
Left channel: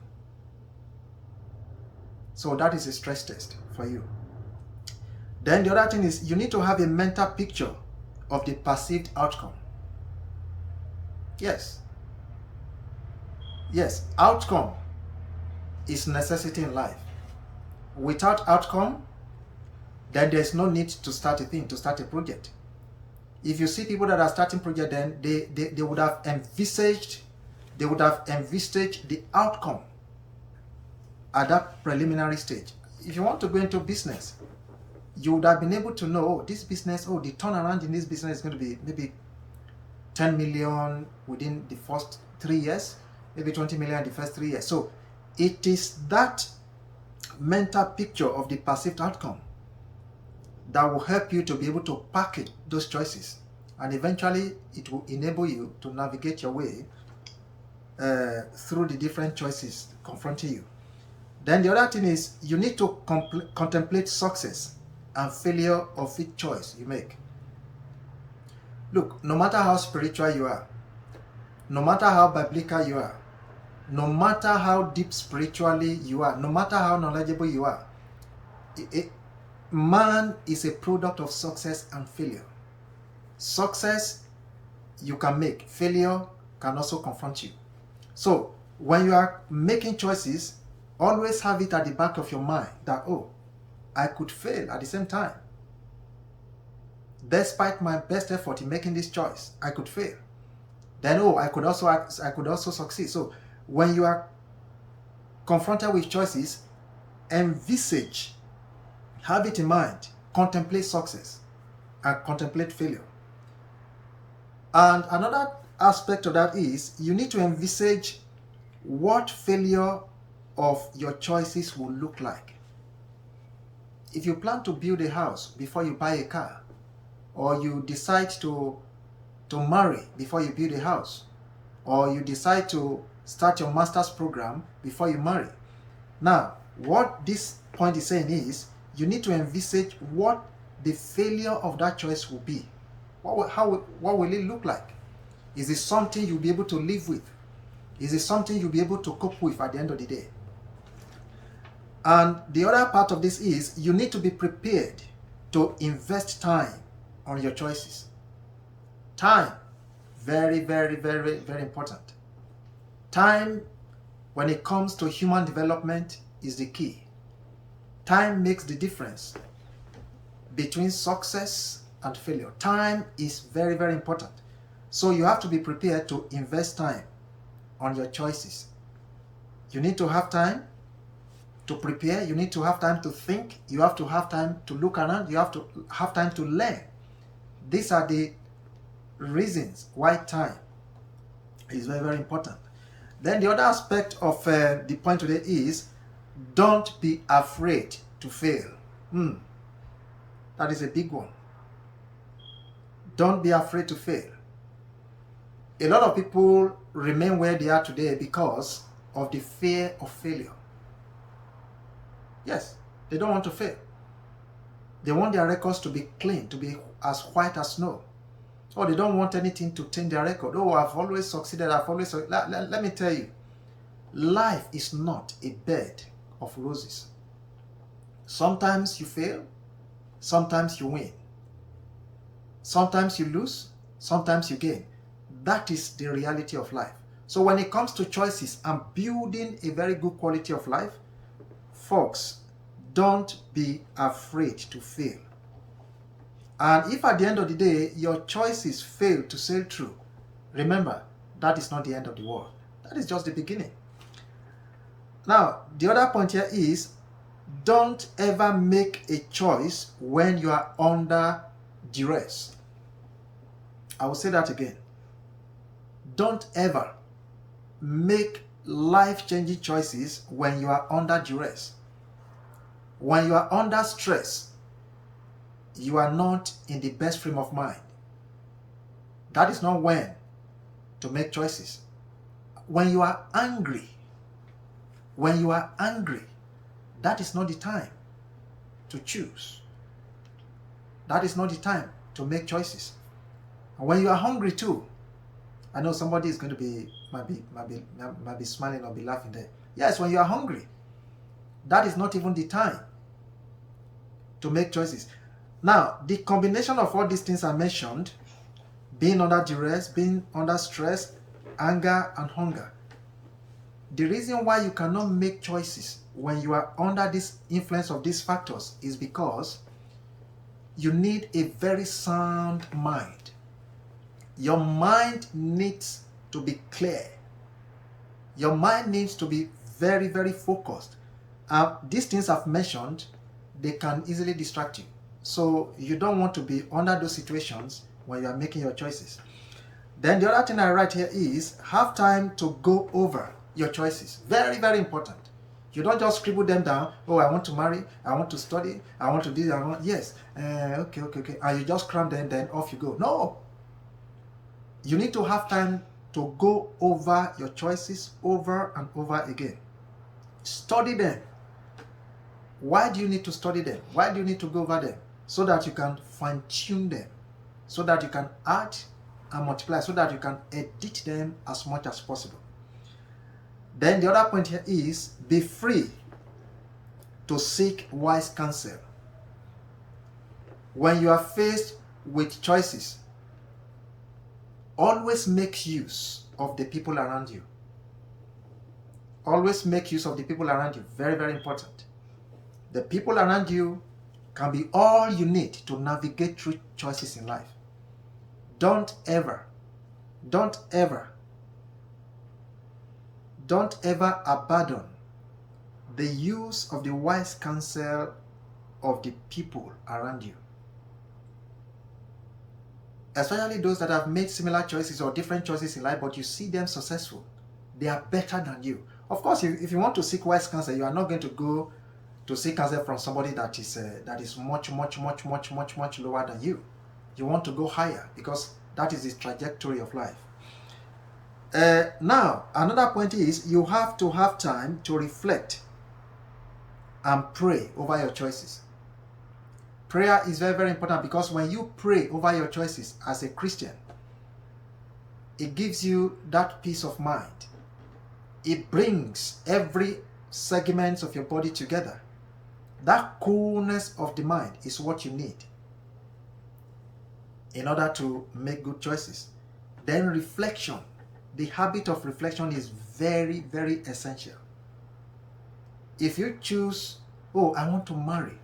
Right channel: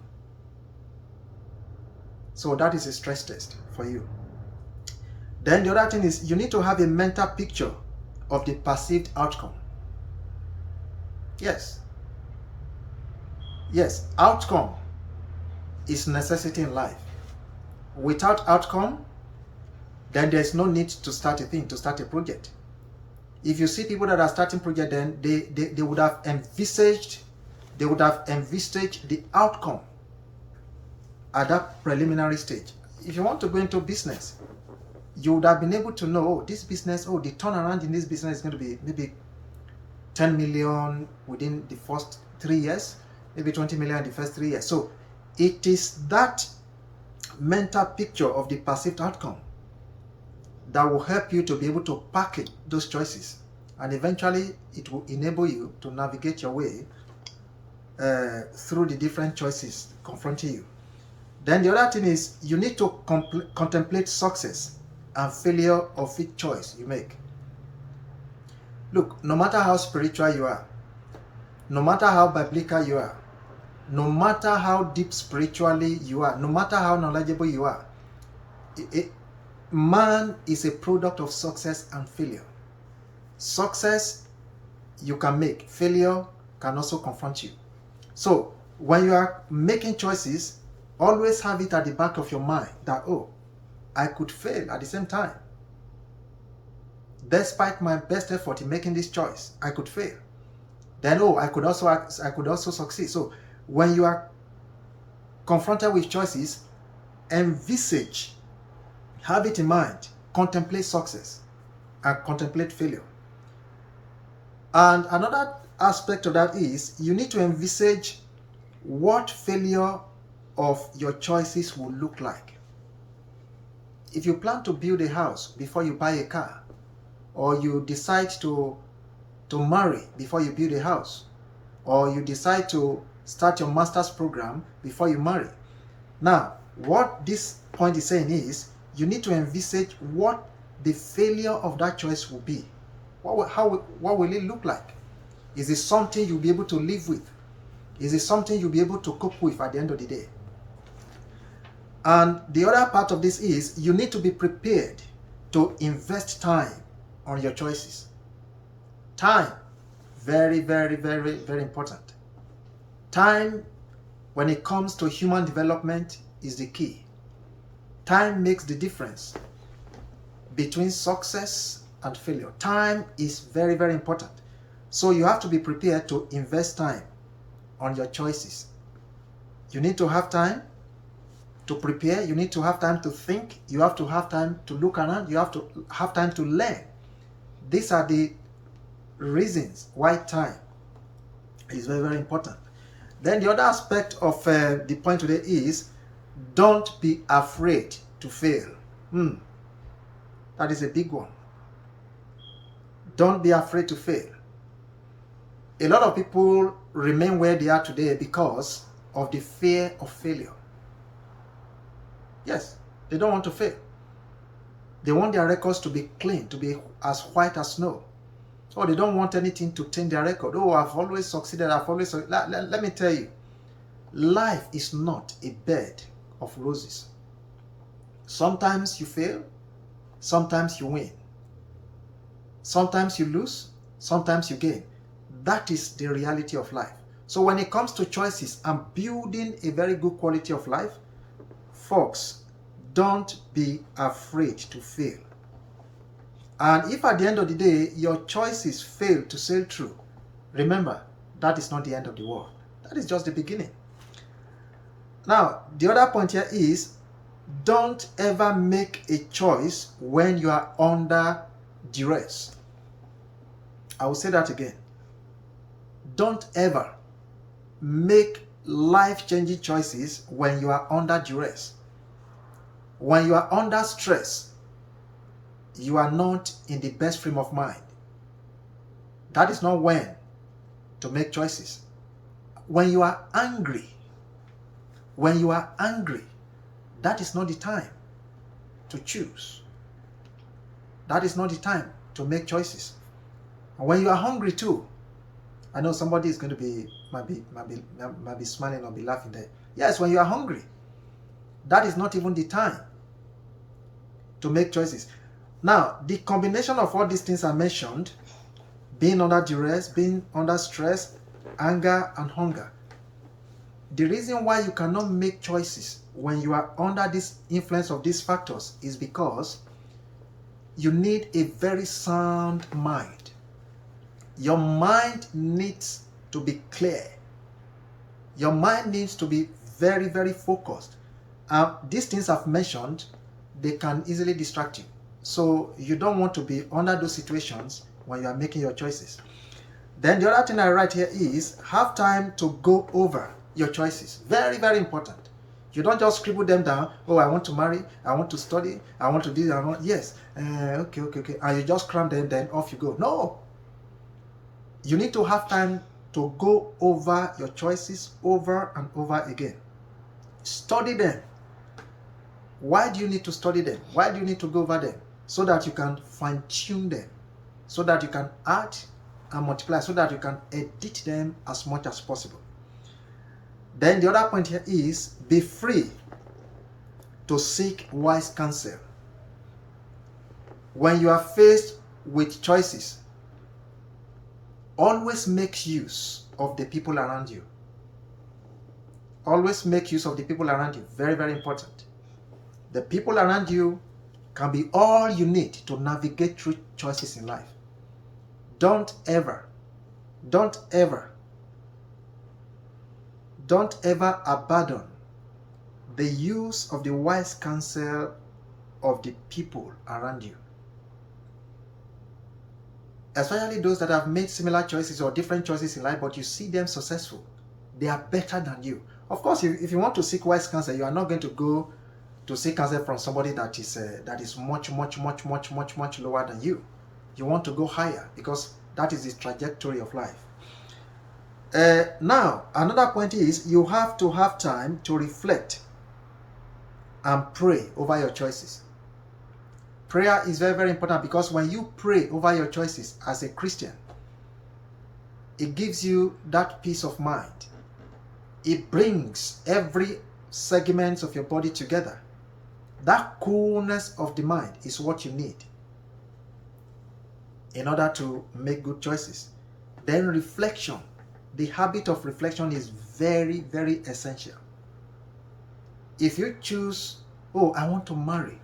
So that is a stress test for you. Then the other thing is, you need to have a mental picture of the perceived outcome. Yes, outcome is necessity in life. Without outcome, then there's no need to start a thing, to start a project. If you see people that are starting project, then they would have envisaged the outcome at that preliminary stage. If you want to go into business, you would have been able to know, this business, the turnaround in this business is going to be maybe 10 million within the first 3 years, maybe 20 million in the first 3 years. So it is that mental picture of the perceived outcome that will help you to be able to package those choices, and eventually it will enable you to navigate your way through the different choices confronting you. Then the other thing is, you need to contemplate success and failure of each choice you make. Look, no matter how spiritual you are, no matter how biblical you are, no matter how deep spiritually you are, no matter how knowledgeable you are, man is a product of success and failure. Success you can make, failure can also confront you. So when you are making choices, always have it at the back of your mind that, I could fail at the same time. Despite my best effort in making this choice, I could fail. Then, oh, I could also succeed. So when you are confronted with choices, envisage, have it in mind, contemplate success and contemplate failure. And another aspect of that is you need to envisage what failure of your choices will look like. If you plan to build a house before you buy a car, or you decide to marry before you build a house, or you decide to start your master's program before you marry. Now, what this point is saying is you need to envisage what the failure of that choice will be. What will it look like? Is it something you'll be able to live with? Is it something you'll be able to cope with at the end of the day? And the other part of this is you need to be prepared to invest time on your choices. Time, very, very, very, very important. Time, when it comes to human development, is the key. Time makes the difference between success and failure. Time is very, very important. So you have to be prepared to invest time on your choices. You need to have time to prepare. You need to have time to think. You have to have time to look around. You have to have time to learn. These are the reasons why time is very, very important. Then the other aspect of the point today is don't be afraid to fail. That is a big one. Don't be afraid to fail. A lot of people remain where they are today because of the fear of failure. Yes, they don't want to fail. They want their records to be clean, to be as white as snow. Or they don't want anything to taint their record. Oh, I've always succeeded. Let me tell you, life is not a bed of roses. Sometimes you fail, sometimes you win. Sometimes you lose, sometimes you gain. That is the reality of life. So when it comes to choices and building a very good quality of life, folks, don't be afraid to fail. And if at the end of the day, your choices fail to sail through, remember, that is not the end of the world. That is just the beginning. Now, the other point here is, don't ever make a choice when you are under duress. I will say that again. Don't ever make life-changing choices when you are under duress. When you are under stress, you are not in the best frame of mind. That is not when to make choices. When you are angry, that is not the time to choose. That is not the time to make choices. And when you are hungry too, I know somebody is going to might be smiling or be laughing there. Yes, when you are hungry, that is not even the time to make choices. Now, the combination of all these things I mentioned, being under duress, being under stress, anger, and hunger, the reason why you cannot make choices when you are under this influence of these factors is because you need a very sound mind. Your mind needs to be clear. Your mind needs to be very, very focused. These things I've mentioned, they can easily distract you. So you don't want to be under those situations when you are making your choices. Then the other thing I write here is have time to go over your choices. Very, very important. You don't just scribble them down. Oh, I want to marry, I want to study, I want to do that. Yes, okay. And you just cram them, then off you go. No. You need to have time to go over your choices over and over again. Study them. Why do you need to study them? Why do you need to go over them? So that you can fine-tune them. So that you can add and multiply. So that you can edit them as much as possible. Then the other point here is be free to seek wise counsel. When you are faced with choices, always make use of the people around you. Always make use of the people around you. Very, very important. The people around you can be all you need to navigate through choices in life. Don't ever abandon the use of the wise counsel of the people around you. Especially those that have made similar choices or different choices in life, but you see them successful. They are better than you. Of course, if you want to seek wise counsel, you are not going to go to seek counsel from somebody that is much lower than you. You want to go higher because that is the trajectory of life. Now, another point is you have to have time to reflect and pray over your choices. Prayer is very, very important because when you pray over your choices as a Christian, it gives you that peace of mind. It brings every segment of your body together. That coolness of the mind is what you need in order to make good choices. Then reflection. The habit of reflection is very, very essential. If you choose, oh, I want to marry,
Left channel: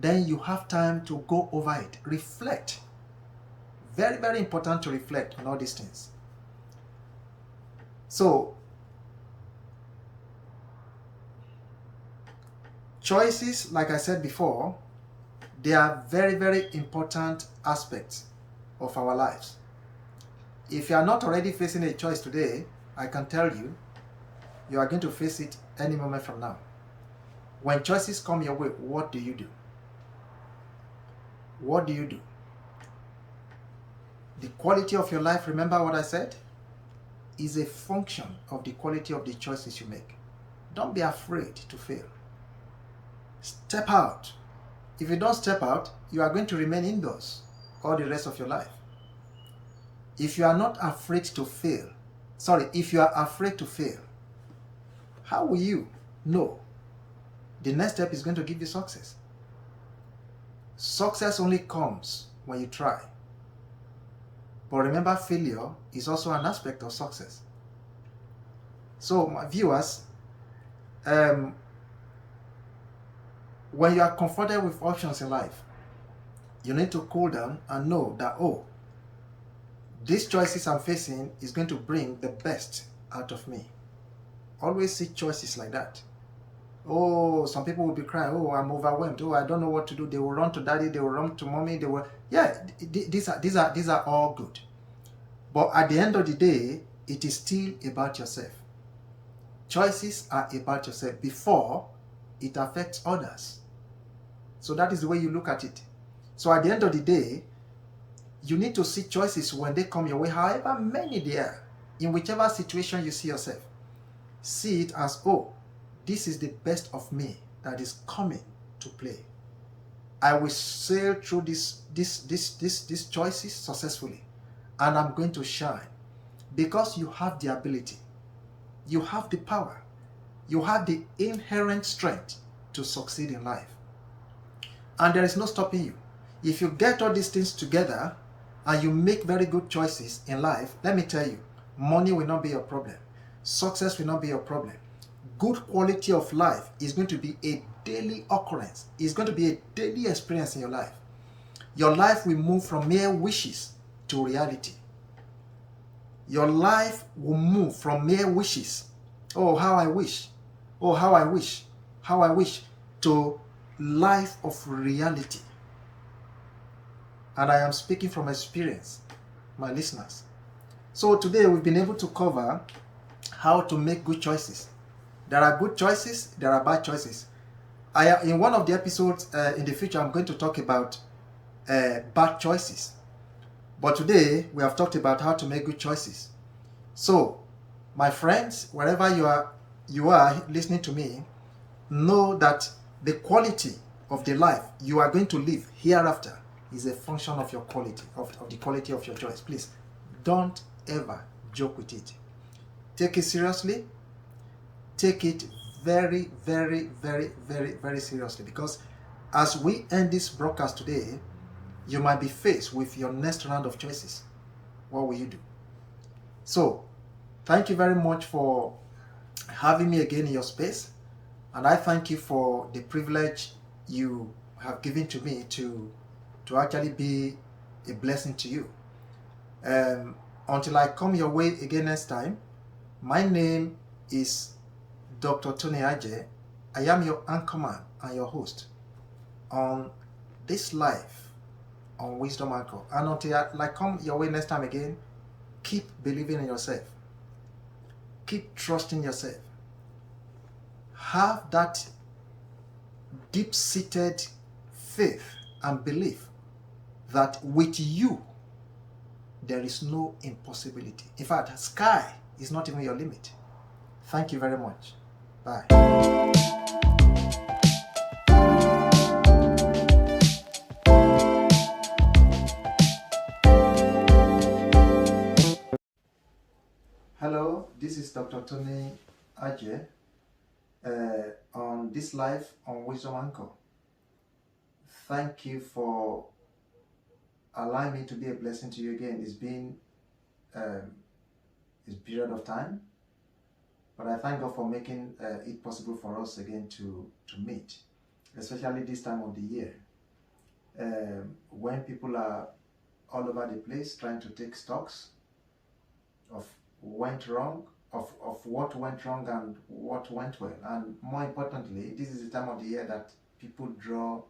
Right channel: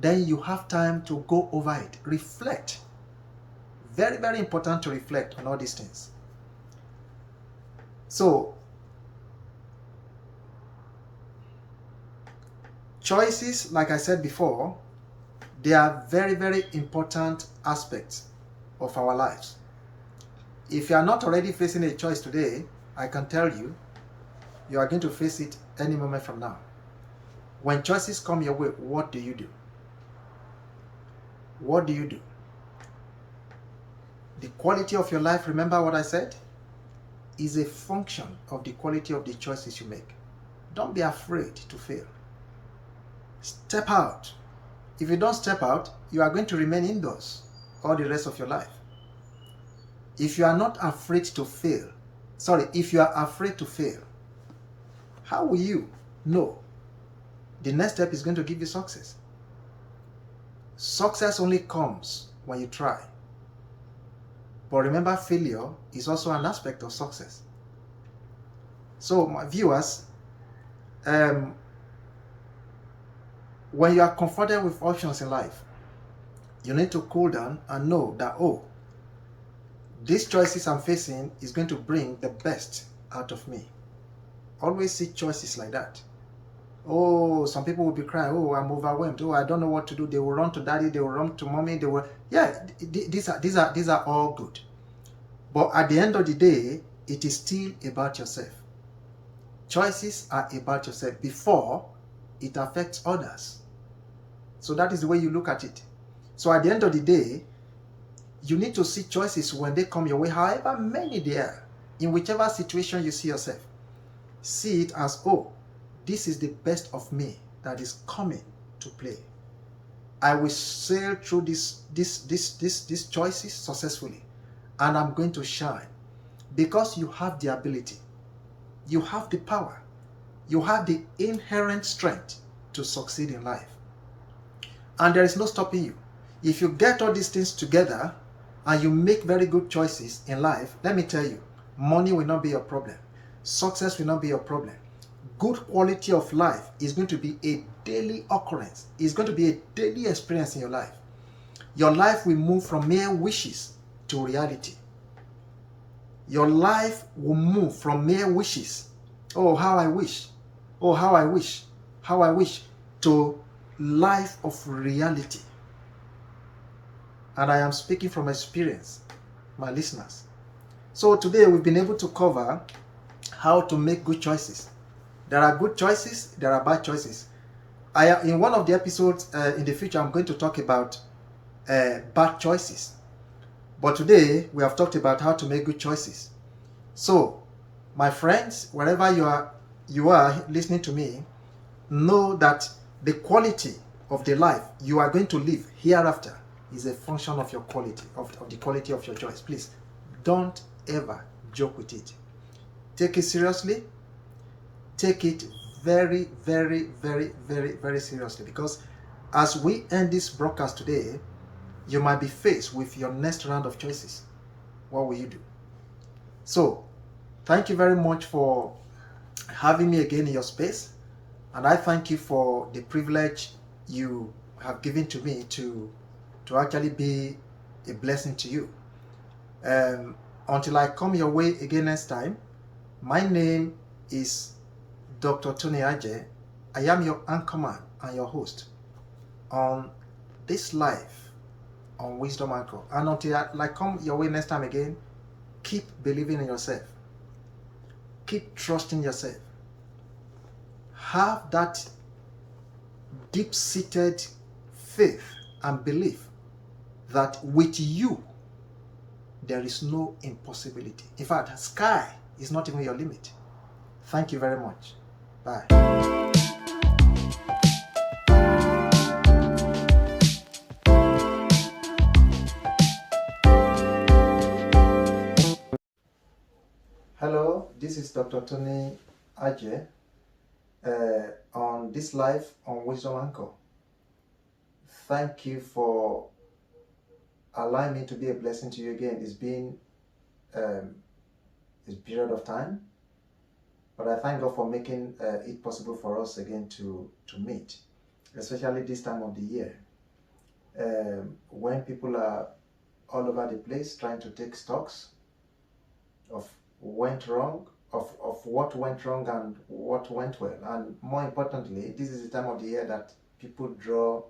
then you have time to go over it. Reflect. Very, very important to reflect on all these things. So, choices, like I said before, they are very, very important aspects of our lives. If you are not already facing a choice today, I can tell you, you are going to face it any moment from now. When choices come your way, what do you do? What do you do? The quality of your life, remember what I said, is a function of the quality of the choices you make. Don't be afraid to fail. Step out. If you don't step out, you are going to remain indoors all the rest of your life. If you are not afraid to fail, if you are afraid to fail, how will you know the next step is going to give you success? Success only comes when you try. But remember, failure is also an aspect of success. So, my viewers, when you are confronted with options in life, you need to cool down and know that, oh, these choices I'm facing is going to bring the best out of me. Always see choices like that. Oh, some people will be crying, oh, I'm overwhelmed, oh, I don't know what to do. They will run to daddy, they will run to mommy, they will, yeah, these are all good. But at the end of the day, it is still about yourself. Choices are about yourself before it affects others. So that is the way you look at it. So at the end of the day, you need to see choices when they come your way, however many they are, in whichever situation you see yourself. See it as, oh, this is the best of me that is coming to play. I will sail through these choices successfully, and I'm going to shine because you have the ability, you have the power, you have the inherent strength to succeed in life. And there is no stopping you. If you get all these things together and you make very good choices in life, let me tell you, money will not be your problem. Success will not be your problem. Good quality of life is going to be a daily occurrence. It's going to be a daily experience in your life. Your life will move from mere wishes to reality. Your life will move from mere wishes. Oh, how I wish. Oh, how I wish. How I wish. To life of reality. And I am speaking from experience, my listeners. So today we've been able to cover how to make good choices. There are good choices, there are bad choices. In one of the episodes in the future, I'm going to talk about bad choices. But today, we have talked about how to make good choices. So, my friends, wherever you are listening to me, know that the quality of the life you are going to live hereafter is a function of your quality, of the quality of your choice. Please, don't ever joke with it. Take it seriously. Take it very, very, very, very, very seriously, because as we end this broadcast today, you might be faced with your next round of choices. What will you do? So, thank you very much for having me again in your space, and I thank you for the privilege you have given to me to actually be a blessing to you. Until I come your way again next time, my name is Dr. Tony Aje. I am your anchorman and your host on this life on Wisdom Anchor. And until I come your way next time again, keep believing in yourself. Keep trusting yourself. Have that deep-seated faith and belief that with you, there is no impossibility. In fact, sky is not even your limit. Thank you very much. Bye. Hello, this is Dr. Tony Aje on this live on Wisdom Anchor. Thank you for allowing me to be a blessing to you again. It's been a period of time, but I thank God for making it possible for us again to meet, especially this time of the year, when people are all over the place trying to take stocks of what went wrong and what went well. And more importantly, this is the time of the year that people draw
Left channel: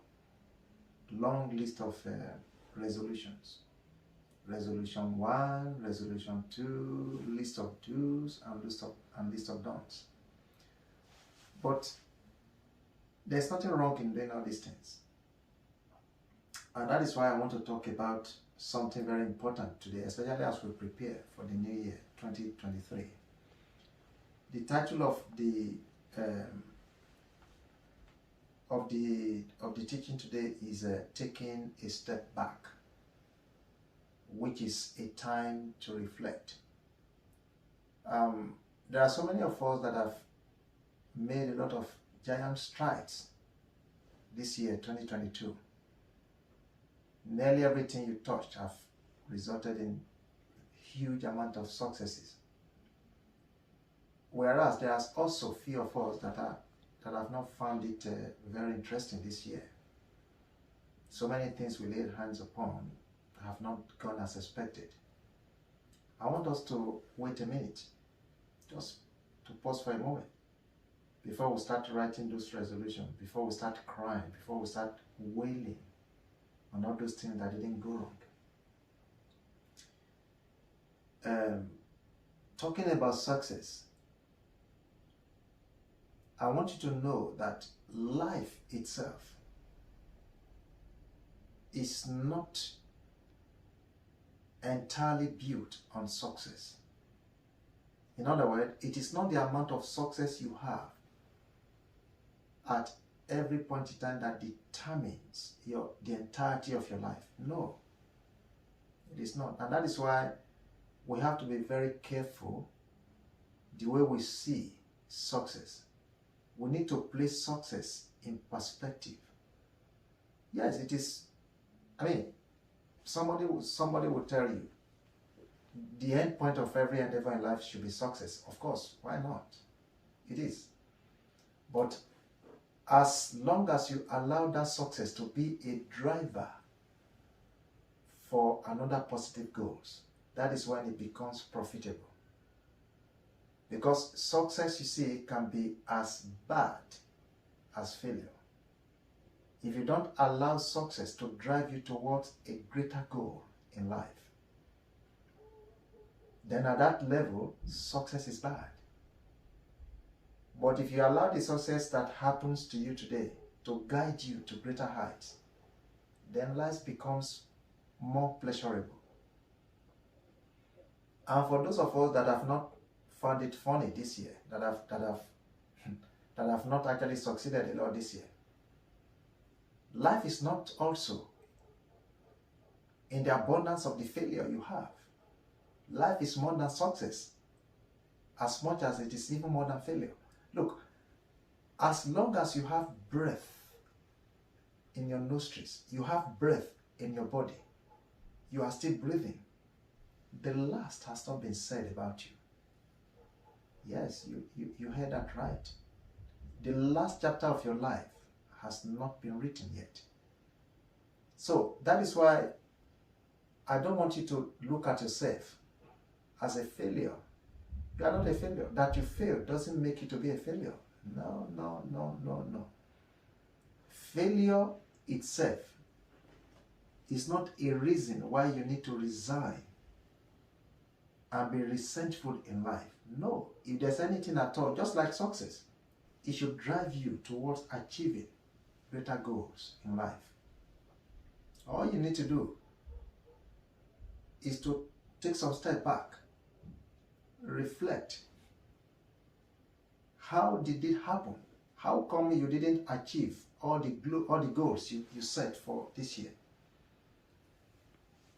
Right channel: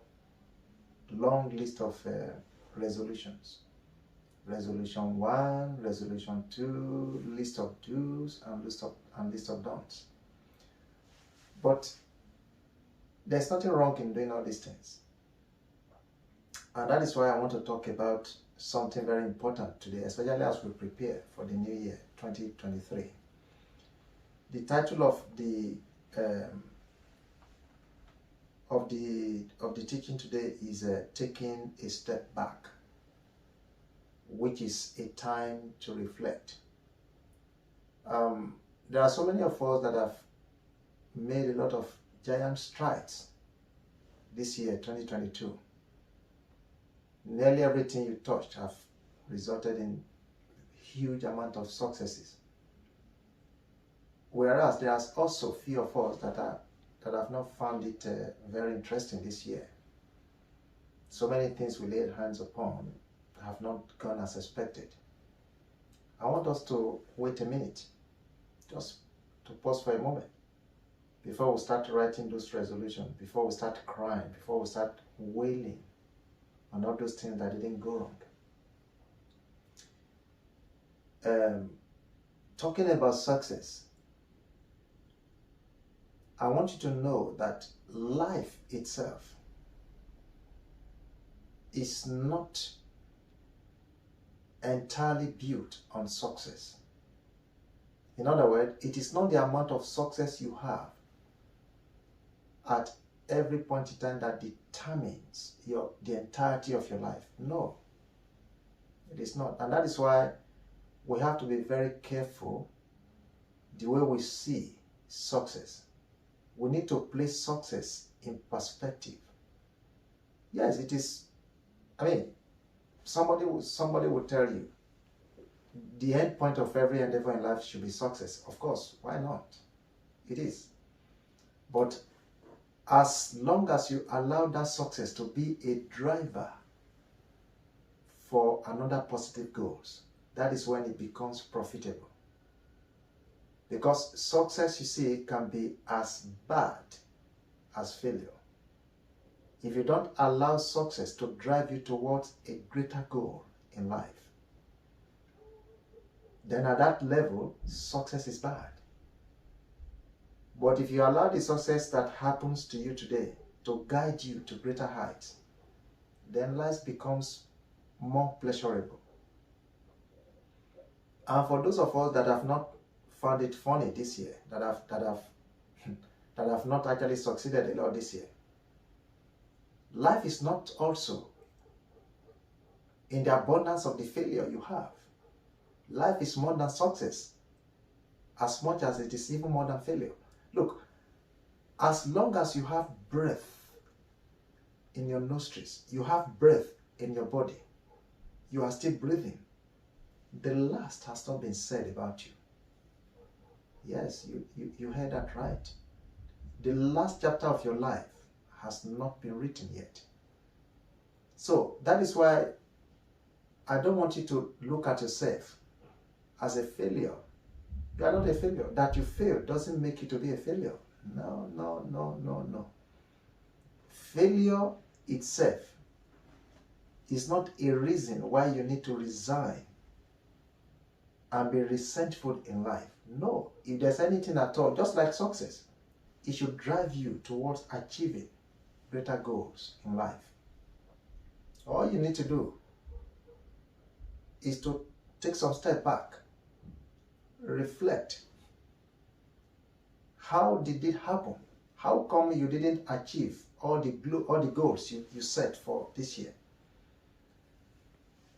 long list of resolutions. Resolution 1, resolution 2, list of do's and list of don'ts. But there's nothing wrong in doing all these things. And that is why I want to talk about something very important today, especially as we prepare for the new year, 2023. The title of the teaching today is Taking a Step Back, which is a time to reflect. There are so many of us that have made a lot of giant strides this year, 2022. Nearly everything you touched have resulted in huge amount of successes. Whereas there are also few of us that have not found it very interesting this year. So many things we laid hands upon have not gone as expected. I want us to wait a minute, just to pause for a moment, before we start writing those resolutions, before we start crying, before we start wailing on all those things that didn't go wrong. Talking about success, I want you to know that life itself is not entirely built on success. In other words, it is not the amount of success you have at every point in time that determines the entirety of your life. No, it is not. And that is why we have to be very careful the way we see success. We need to place success in perspective. Yes, it is. I mean, somebody will tell you the end point of every endeavor in life should be success. Of course, why not? It is. But as long as you allow that success to be a driver for another positive goals, that is when it becomes profitable. Because success, you see, can be as bad as failure. If you don't allow success to drive you towards a greater goal in life, then at that level, success is bad. But if you allow the success that happens to you today to guide you to greater heights, then life becomes more pleasurable. And for those of us that have not found it funny this year, that have not actually succeeded a lot this year, life is not also in the abundance of the failure you have. Life is more than success, as much as it is even more than failure. Look, as long as you have breath in your nostrils, you have breath in your body, you are still breathing, the last has not been said about you. Yes, you heard that right. The last chapter of your life has not been written yet. So that is why I don't want you to look at yourself as a failure. You are not a failure. That you fail doesn't make you to be a failure. No, no, no, no, no. Failure itself is not a reason why you need to resign and be resentful in life. No, if there's anything at all, just like success, it should drive you towards achieving greater goals in life. All you need to do is to take some step back, reflect. How did it happen? How come you didn't achieve all the goals you set for this year?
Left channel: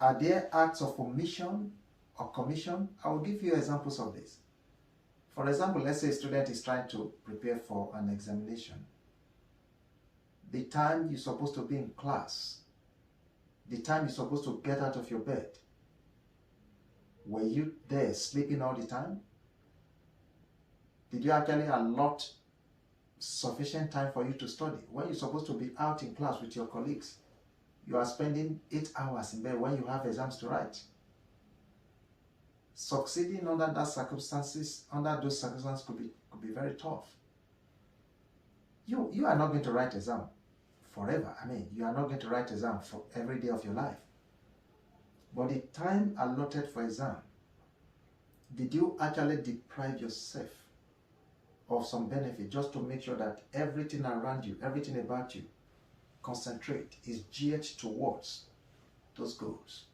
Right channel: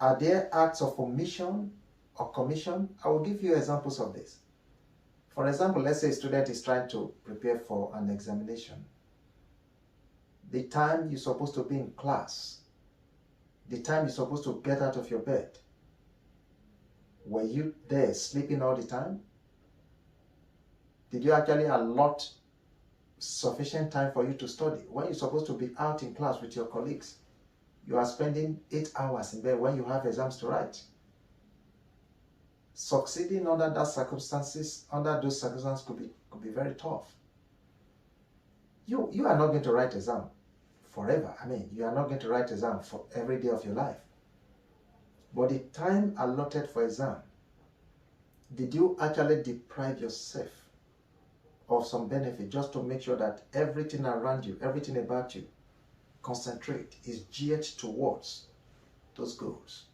Are there acts of omission or commission? I will give you examples of this. For example, let's say a student is trying to prepare for an examination. The time you're supposed to be in class, the time you're supposed to get out of your bed, were you there sleeping all the time? Did you actually allot sufficient time for you to study? When you're supposed to be out in class with your colleagues, you are spending 8 hours in bed when you have exams to write. Succeeding under those circumstances could be very tough. You are not going to write exam forever. I mean, you are not going to write exam for every day of your life. But the time allotted for exam, did you actually deprive yourself of some benefit just to make sure that everything around you, everything about you, concentrate, is geared towards those goals?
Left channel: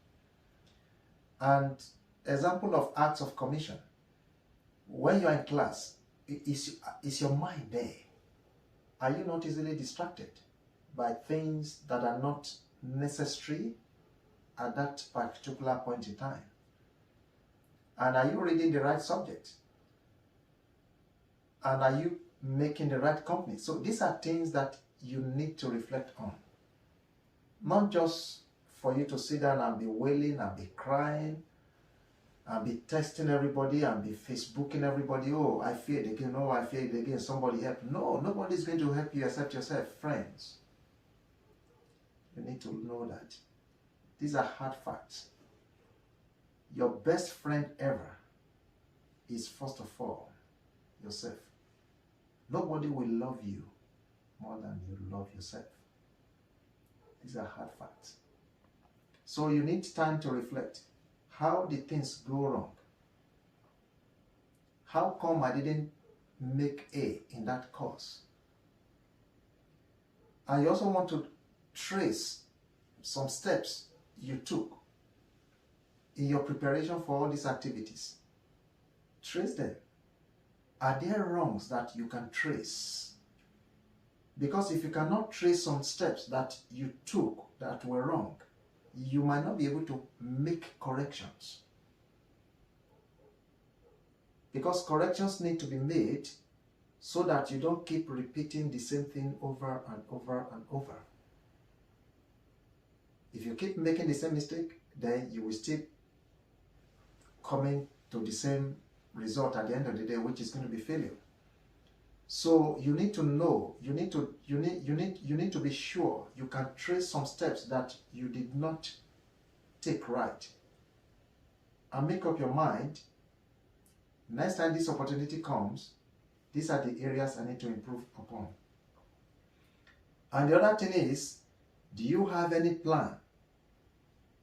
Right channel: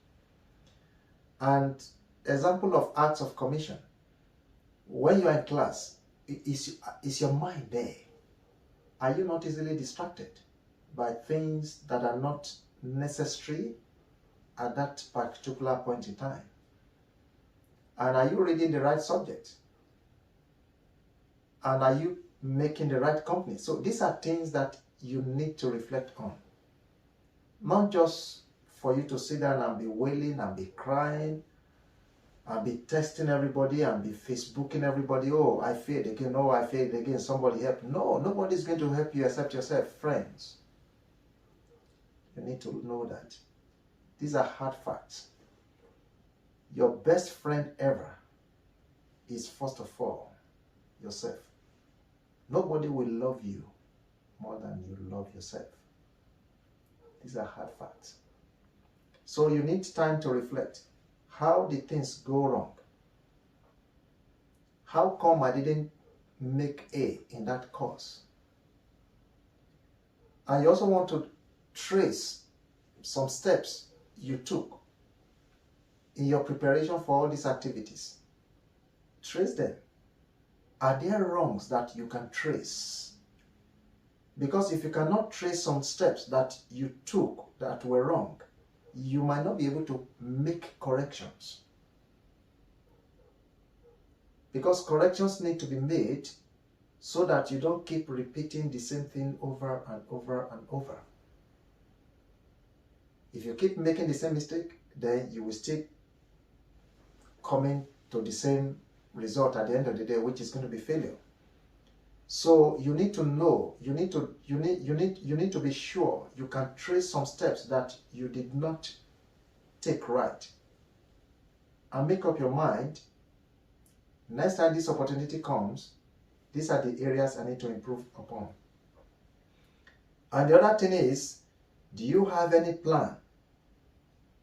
And example of acts of commission. When you are in class, is your mind there? Are you not easily distracted by things that are not necessary at that particular point in time? And are you reading the right subject? And are you making the right company? So these are things that you need to reflect on. Not just for you to sit down and be wailing and be crying and be texting everybody and be Facebooking everybody. Oh, I failed again. Oh, I failed again. Somebody help. No, nobody's going to help you except yourself, friends. You need to know that. These are hard facts. Your best friend ever is, first of all, yourself. Nobody will love you more than you love yourself. These are hard facts. So you need time to reflect. How did things go wrong? How come I didn't make A in that course? And you also want to trace some steps you took in your preparation for all these activities. Trace them. Are there wrongs that you can trace? Because if you cannot trace some steps that you took that were wrong, you might not be able to make corrections. Because corrections need to be made so that you don't keep repeating the same thing over and over and over. If you keep making the same mistake, then you will still coming to the same result at the end of the day, which is going to be failure. So you need to know, you need to be sure you can trace some steps that you did not take right. And make up your mind, next time this opportunity comes, these are the areas I need to improve upon. And the other thing is, do you have any plan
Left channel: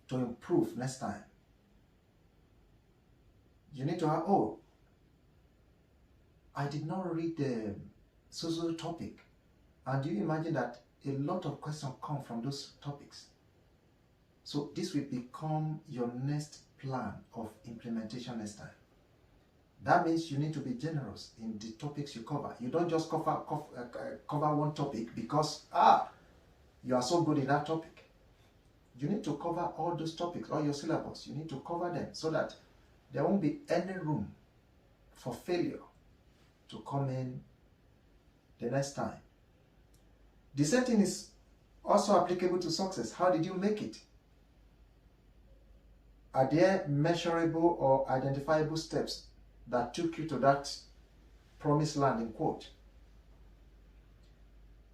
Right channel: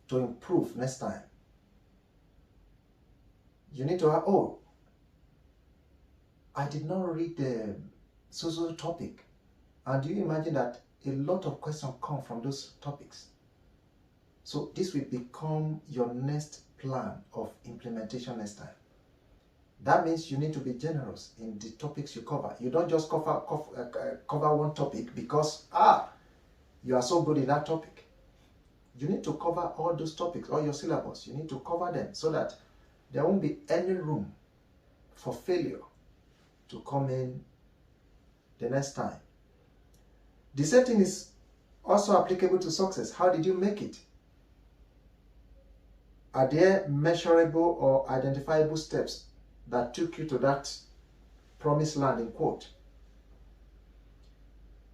to improve next time? You need to have, oh, I did not read the social topic. And do you imagine that a lot of questions come from those topics? So this will become your next plan of implementation next time. That means you need to be generous in the topics you cover. You don't just cover one topic because, you are so good in that topic. You need to cover all those topics, all your syllabus. You need to cover them so that there won't be any room for failure to come in the next time. The same thing is also applicable to success. How did you make it? Are there measurable or identifiable steps that took you to that promised land, in quote?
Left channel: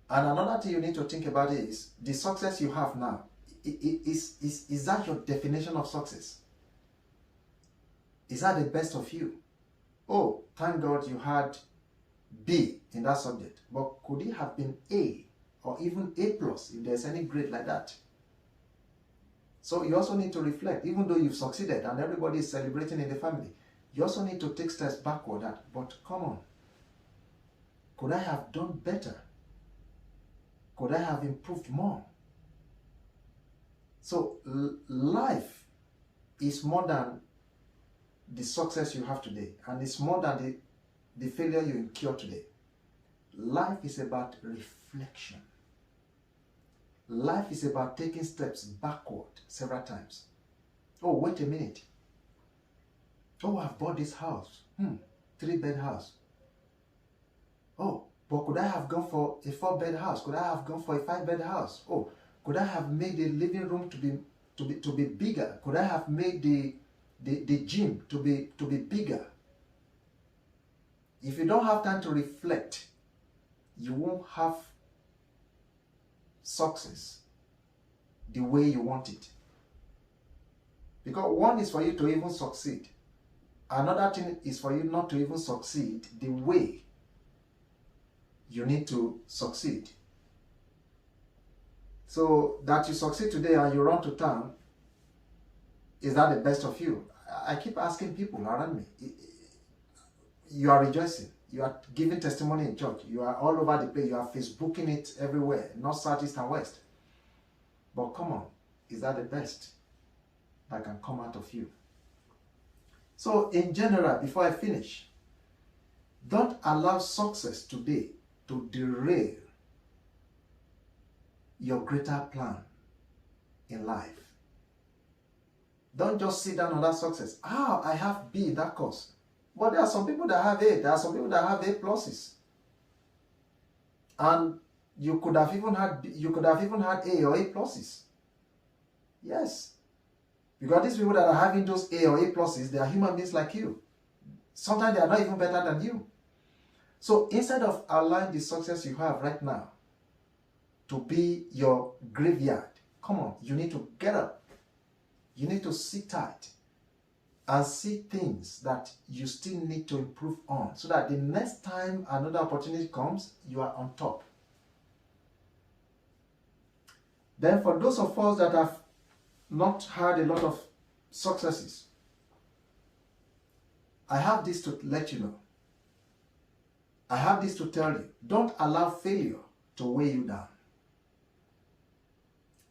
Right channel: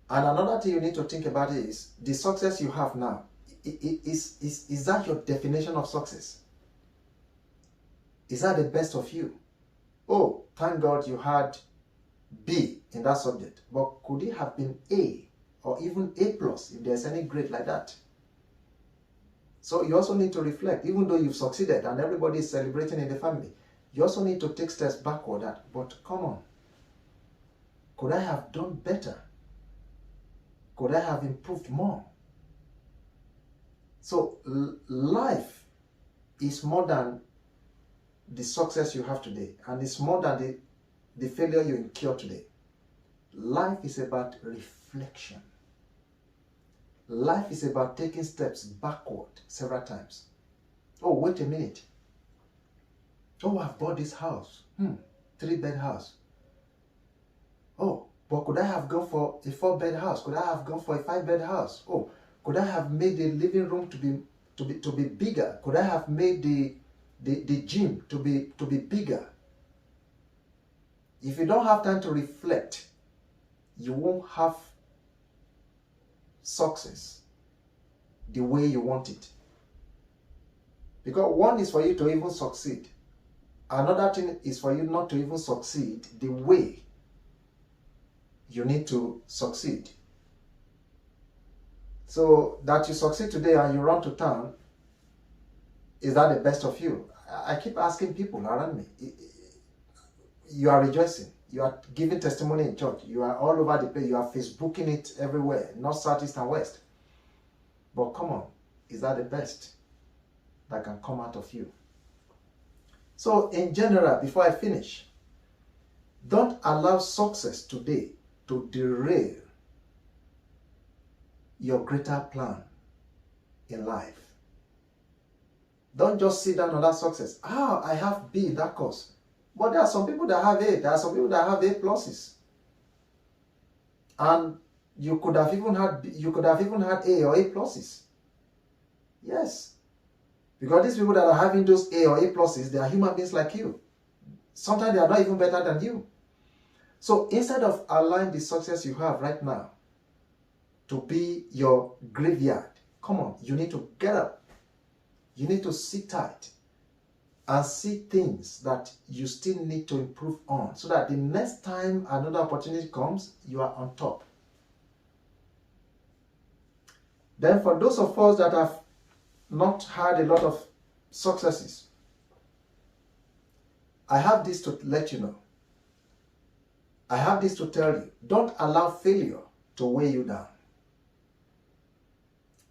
And another thing you need to think about is the success you have now. Is that your definition of success? Is that the best of you? Oh, thank God you had B in that subject, but could it have been A or even A plus if there's any grade like that? So you also need to reflect, even though you've succeeded and everybody is celebrating in the family, you also need to take steps backward but come on, could I have done better? Could I have improved more? So life is more than the success you have today, and it's more than the failure you incur today. Life is about reflection. Life is about taking steps backward several times. Oh, wait a minute. Oh, I've bought this house. 3-bed house. Oh, but could I have gone for a 4-bed house? Could I have gone for a 5-bed house? Oh, could I have made the living room to be bigger? Could I have made the gym to be bigger? If you don't have time to reflect, you won't have success the way you want it. Because one is for you to even succeed. Another thing is for you not to even succeed the way you need to succeed. So that you succeed today and you run to town, is that the best of you? I keep asking people around me. You are rejoicing. You are giving testimony in church. You are all over the place. You are Facebooking it everywhere, north, south, east, and west. But come on, is that the best that can come out of you? So in general, before I finish, don't allow success today to derail your greater plan in life. Don't just sit down on that success. I have B in that course. But there are some people that have A. There are some people that have A pluses. And you could have even had A or A pluses. Yes. Because these people that are having those A or A pluses, they are human beings like you. Sometimes they are not even better than you. So instead of allowing the success you have right now to be your graveyard, come on, you need to get up. You need to sit tight and see things that you still need to improve on, so that the next time another opportunity comes, you are on top. Then for those of us that have not had a lot of successes, I have this to let you know. I have this to tell you. Don't allow failure to weigh you down.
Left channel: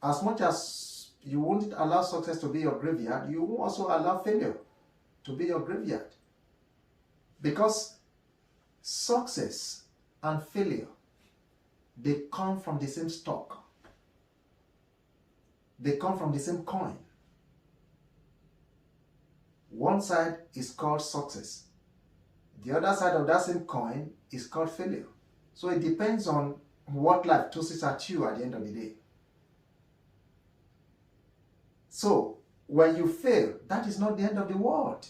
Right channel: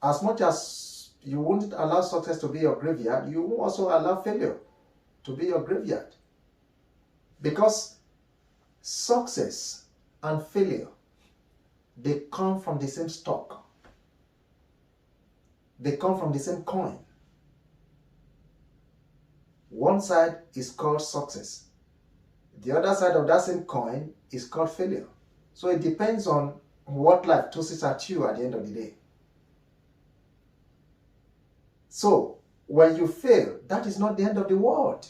As much as you wouldn't allow success to be your graveyard, you will also allow failure to be your graveyard. Because success and failure, they come from the same stock. They come from the same coin. One side is called success. The other side of that same coin is called failure. So it depends on what life tosses at you at the end of the day. So when you fail, that is not the end of the world.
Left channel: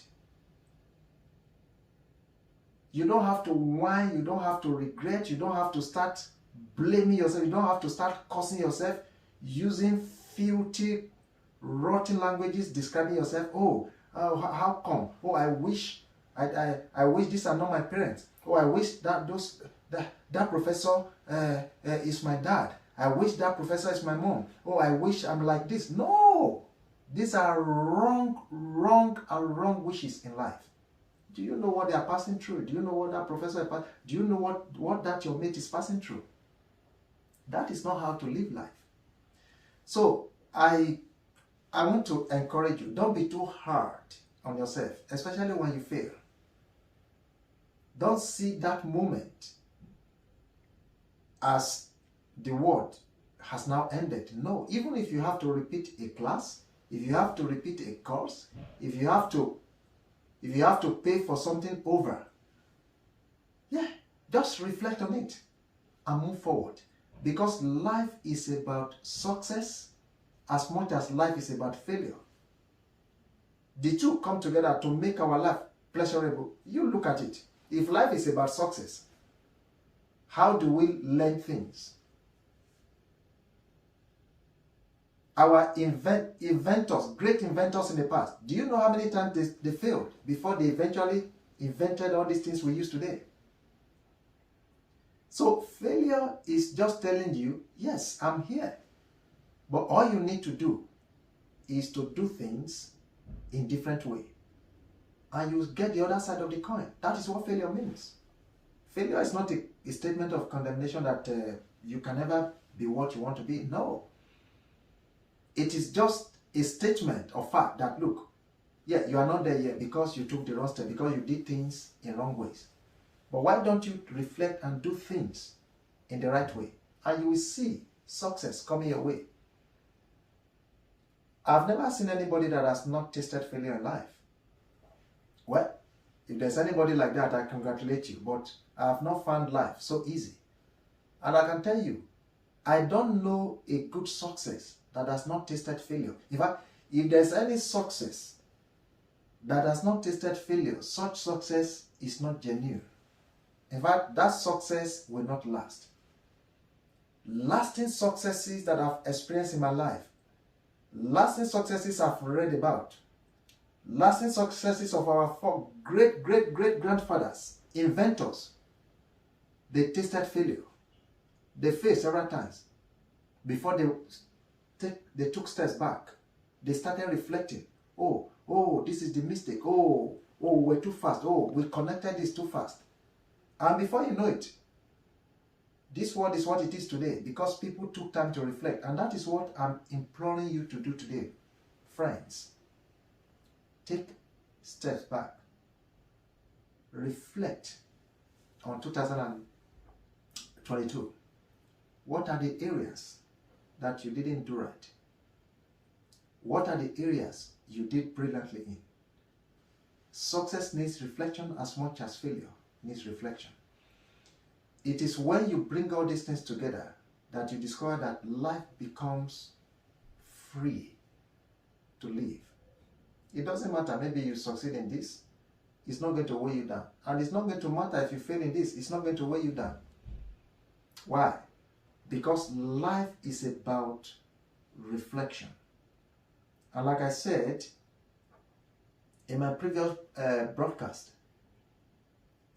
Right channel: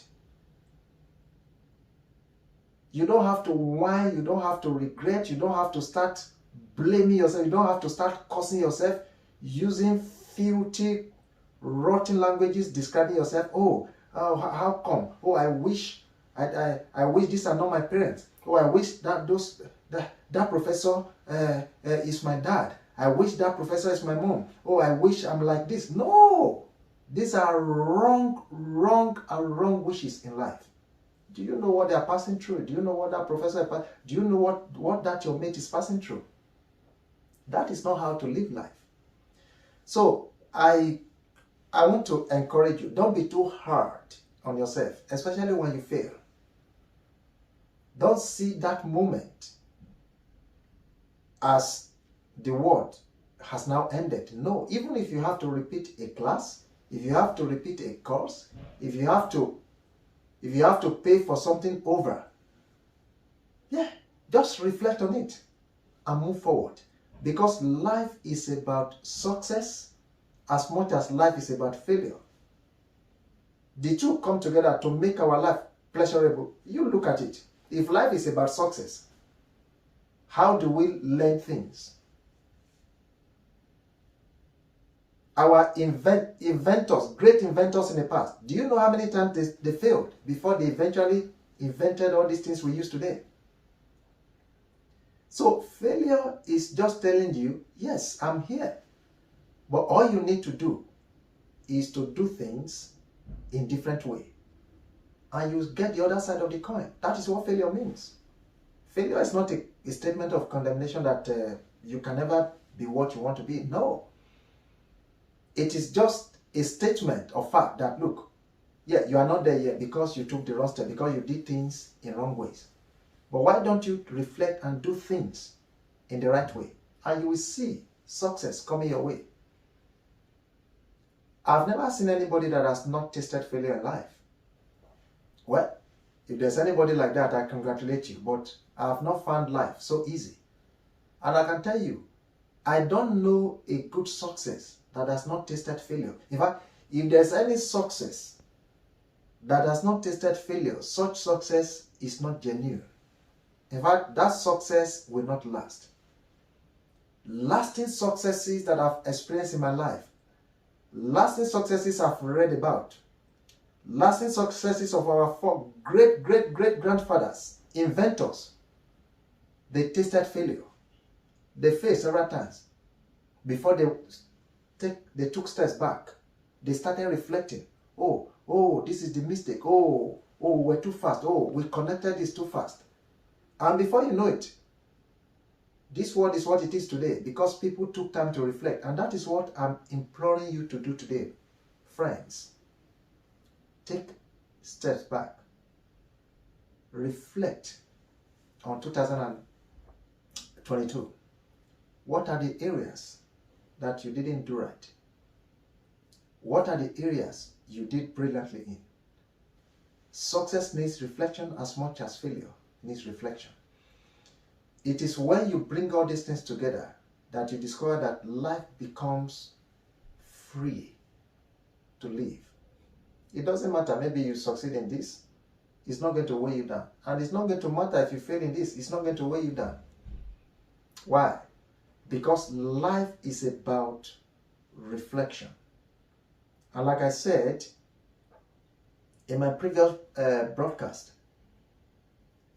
You don't have to whine, you don't have to regret, you don't have to start blaming yourself, you don't have to start cursing yourself, using filthy, rotten languages describing yourself. How come? I wish these are not my parents. I wish that professor is my dad. I wish that professor is my mom. I wish I'm like this. No! These are wrong wishes in life. Do you know what they are passing through? Do you know what that professor is passing? Do you know what that your mate is passing through? That is not how to live life. So I want to encourage you. Don't be too hard on yourself, especially when you fail. Don't see that moment as the world has now ended. No, even if you have to repeat a class, if you have to repeat a course, if you have to pay for something over, just reflect on it and move forward. Because life is about success as much as life is about failure. The two come together to make our life pleasurable. You look at it. If life is about success, how do we learn things? Our inventors, great inventors in the past, do you know how many times they failed before they eventually invented all these things we use today? So failure is just telling you, yes, I'm here. But all you need to do is to do things in different way. And you get the other side of the coin. That is what failure means. Failure is not a statement of condemnation that you can never be what you want to be. No. It is just a statement of fact that, look, yeah, you are not there yet because you took the wrong step, because you did things in wrong ways. But why don't you reflect and do things in the right way? And you will see success coming your way. I've never seen anybody that has not tasted failure in life. Well, if there's anybody like that, I congratulate you, but I have not found life so easy. And I can tell you, I don't know a good success that has not tasted failure. In fact, if there's any success that has not tasted failure, such success is not genuine. In fact, that success will not last. Lasting successes that I've experienced in my life, lasting successes I've read about, lasting successes of our four great-great-great-grandfathers, inventors, they tasted failure. They failed several times before they took steps back. They started reflecting. Oh, this is the mistake. Oh, we're too fast. Oh, we connected this too fast. And before you know it, this world is what it is today because people took time to reflect. And that is what I'm imploring you to do today. Friends, take steps back. Reflect on 2022. What are the areas that you didn't do right? What are the areas you did brilliantly in? Success needs reflection as much as failure needs reflection. It is when you bring all these things together that you discover that life becomes free to live. It doesn't matter, maybe you succeed in this, it's not going to weigh you down. And it's not going to matter if you fail in this, it's not going to weigh you down. Why? Because life is about reflection. And like I said in my previous broadcast,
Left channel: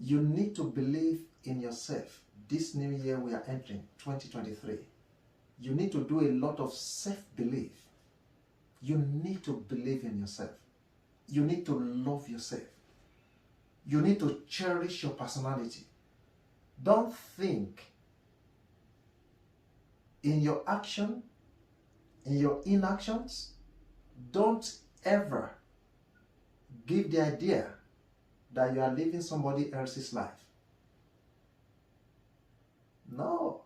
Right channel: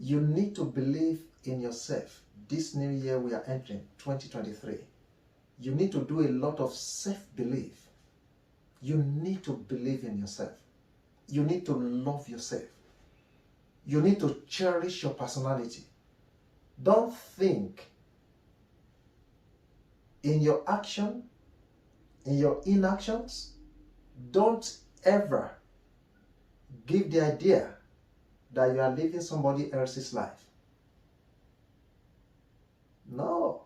you need to believe in yourself. This new year we are entering, 2023. You need to do a lot of self-belief. You need to believe in yourself. You need to love yourself. You need to cherish your personality. Don't think in your action, in your inactions, don't ever give the idea that you are living somebody else's life. No,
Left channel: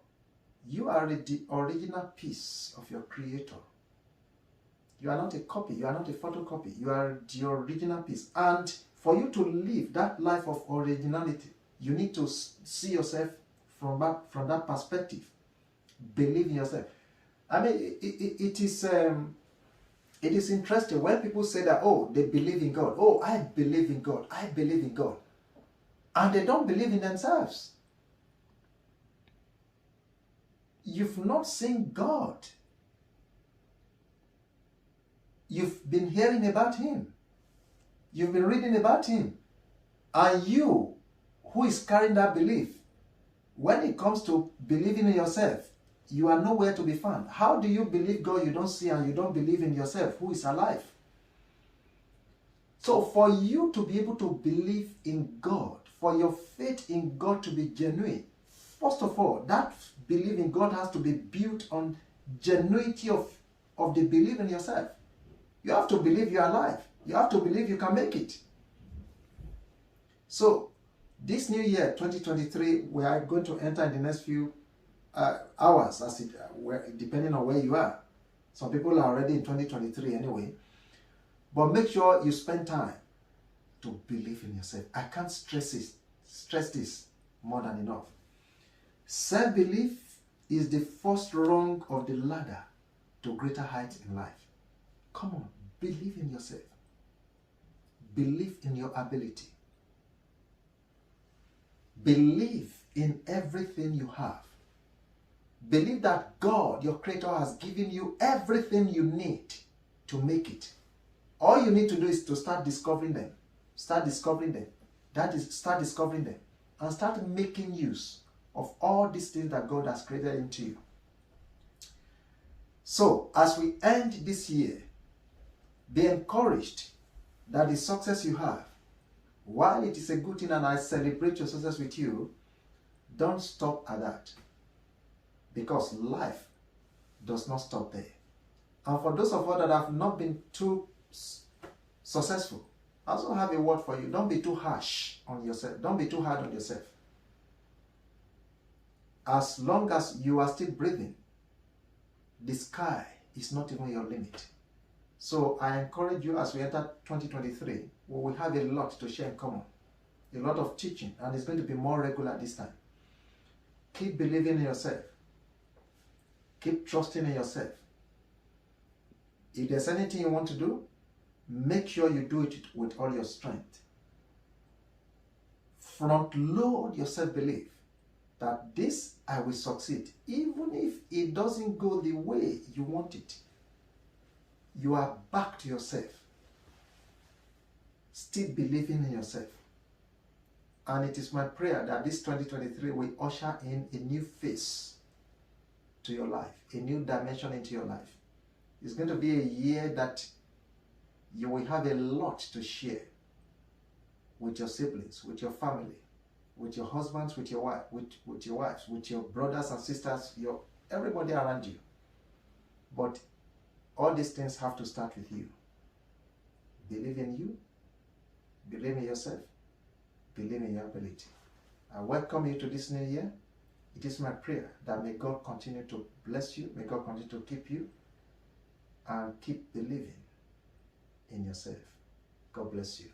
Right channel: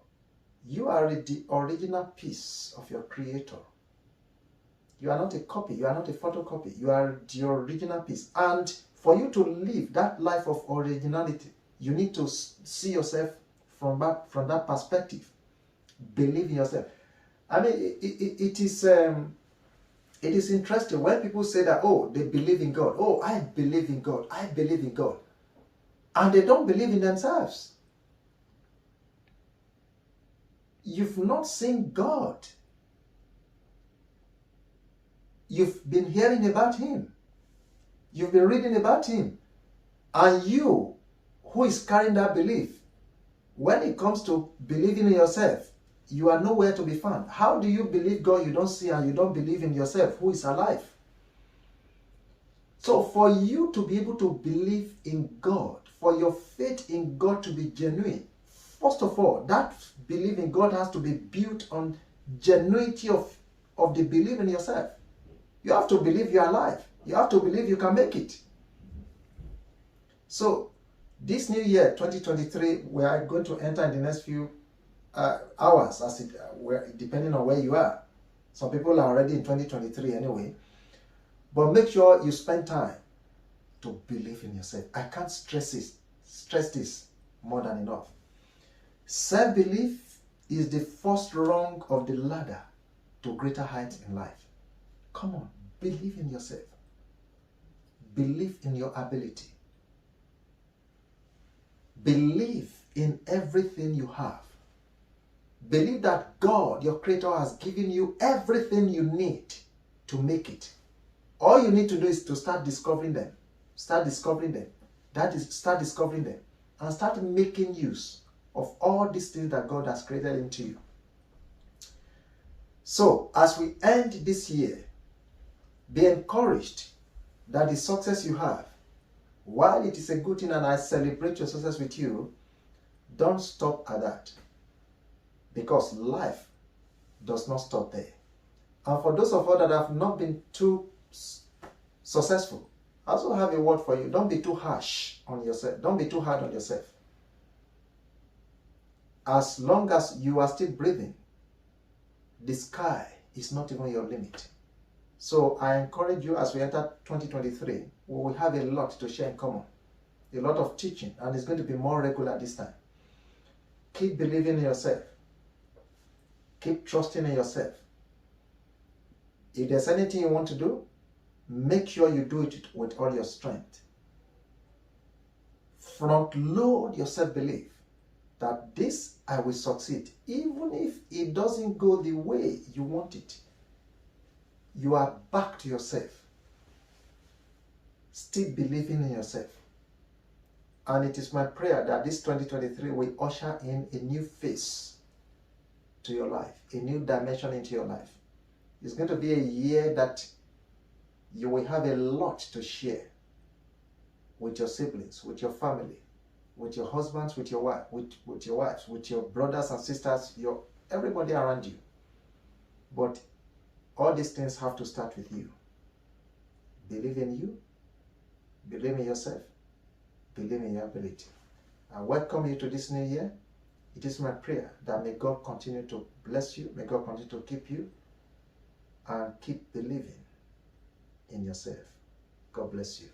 you are the original piece of your creator. You are not a copy, you are not a photocopy, you are the original piece. And for you to live that life of originality, you need to see yourself from that perspective. Believe in yourself. I mean, it is interesting when people say that, oh, they believe in God. Oh, I believe in God. I believe in God. And they don't believe in themselves. You've not seen God. You've been hearing about Him. You've been reading about Him. And you, who is carrying that belief, when it comes to believing in yourself, you are nowhere to be found. How do you believe God you don't see and you don't believe in yourself who is alive? So for you to be able to believe in God, for your faith in God to be genuine, first of all, that belief in God has to be built on genuinity of the belief in yourself. You have to believe you are alive. You have to believe you can make it. So this new year, 2023, we are going to enter in the next few hours, depending on where you are. Some people are already in 2023 anyway. But make sure you spend time to believe in yourself. I can't stress this more than enough. Self-belief is the first rung of the ladder to greater heights in life. Come on, believe in yourself. Believe in your ability. Believe in everything you have. Believe that God, your creator, has given you everything you need to make it. All you need to do is to start discovering them. Start discovering them. That is, start discovering them. And start making use of all these things that God has created into you. So, as we end this year, be encouraged that the success you have, while it is a good thing and I celebrate your success with you, don't stop at that. Because life does not stop there. And for those of us that have not been too successful, I also have a word for you. Don't be too harsh on yourself. Don't be too hard on yourself. As long as you are still breathing, the sky is not even your limit. So I encourage you, as we enter 2023, we will have a lot to share in common. A lot of teaching, and it's going to be more regular this time. Keep believing in yourself. Keep trusting in yourself. If there's anything you want to do, make sure you do it with all your strength. Front load your self-belief that this I will succeed, even if it doesn't go the way you want it. You are back to yourself, still believing in yourself. And it is my prayer that this 2023 will usher in a new phase to your life, a new dimension into your life. It's going to be a year that you will have a lot to share with your siblings, with your family, with your husbands, with your wife, with your wives, with your brothers and sisters, everybody around you. But all these things have to start with you. Believe in you, believe in yourself, believe in your ability. I welcome you to this new year. It is my prayer that may God continue to bless you, may God continue to keep you, and keep believing in yourself. God bless you.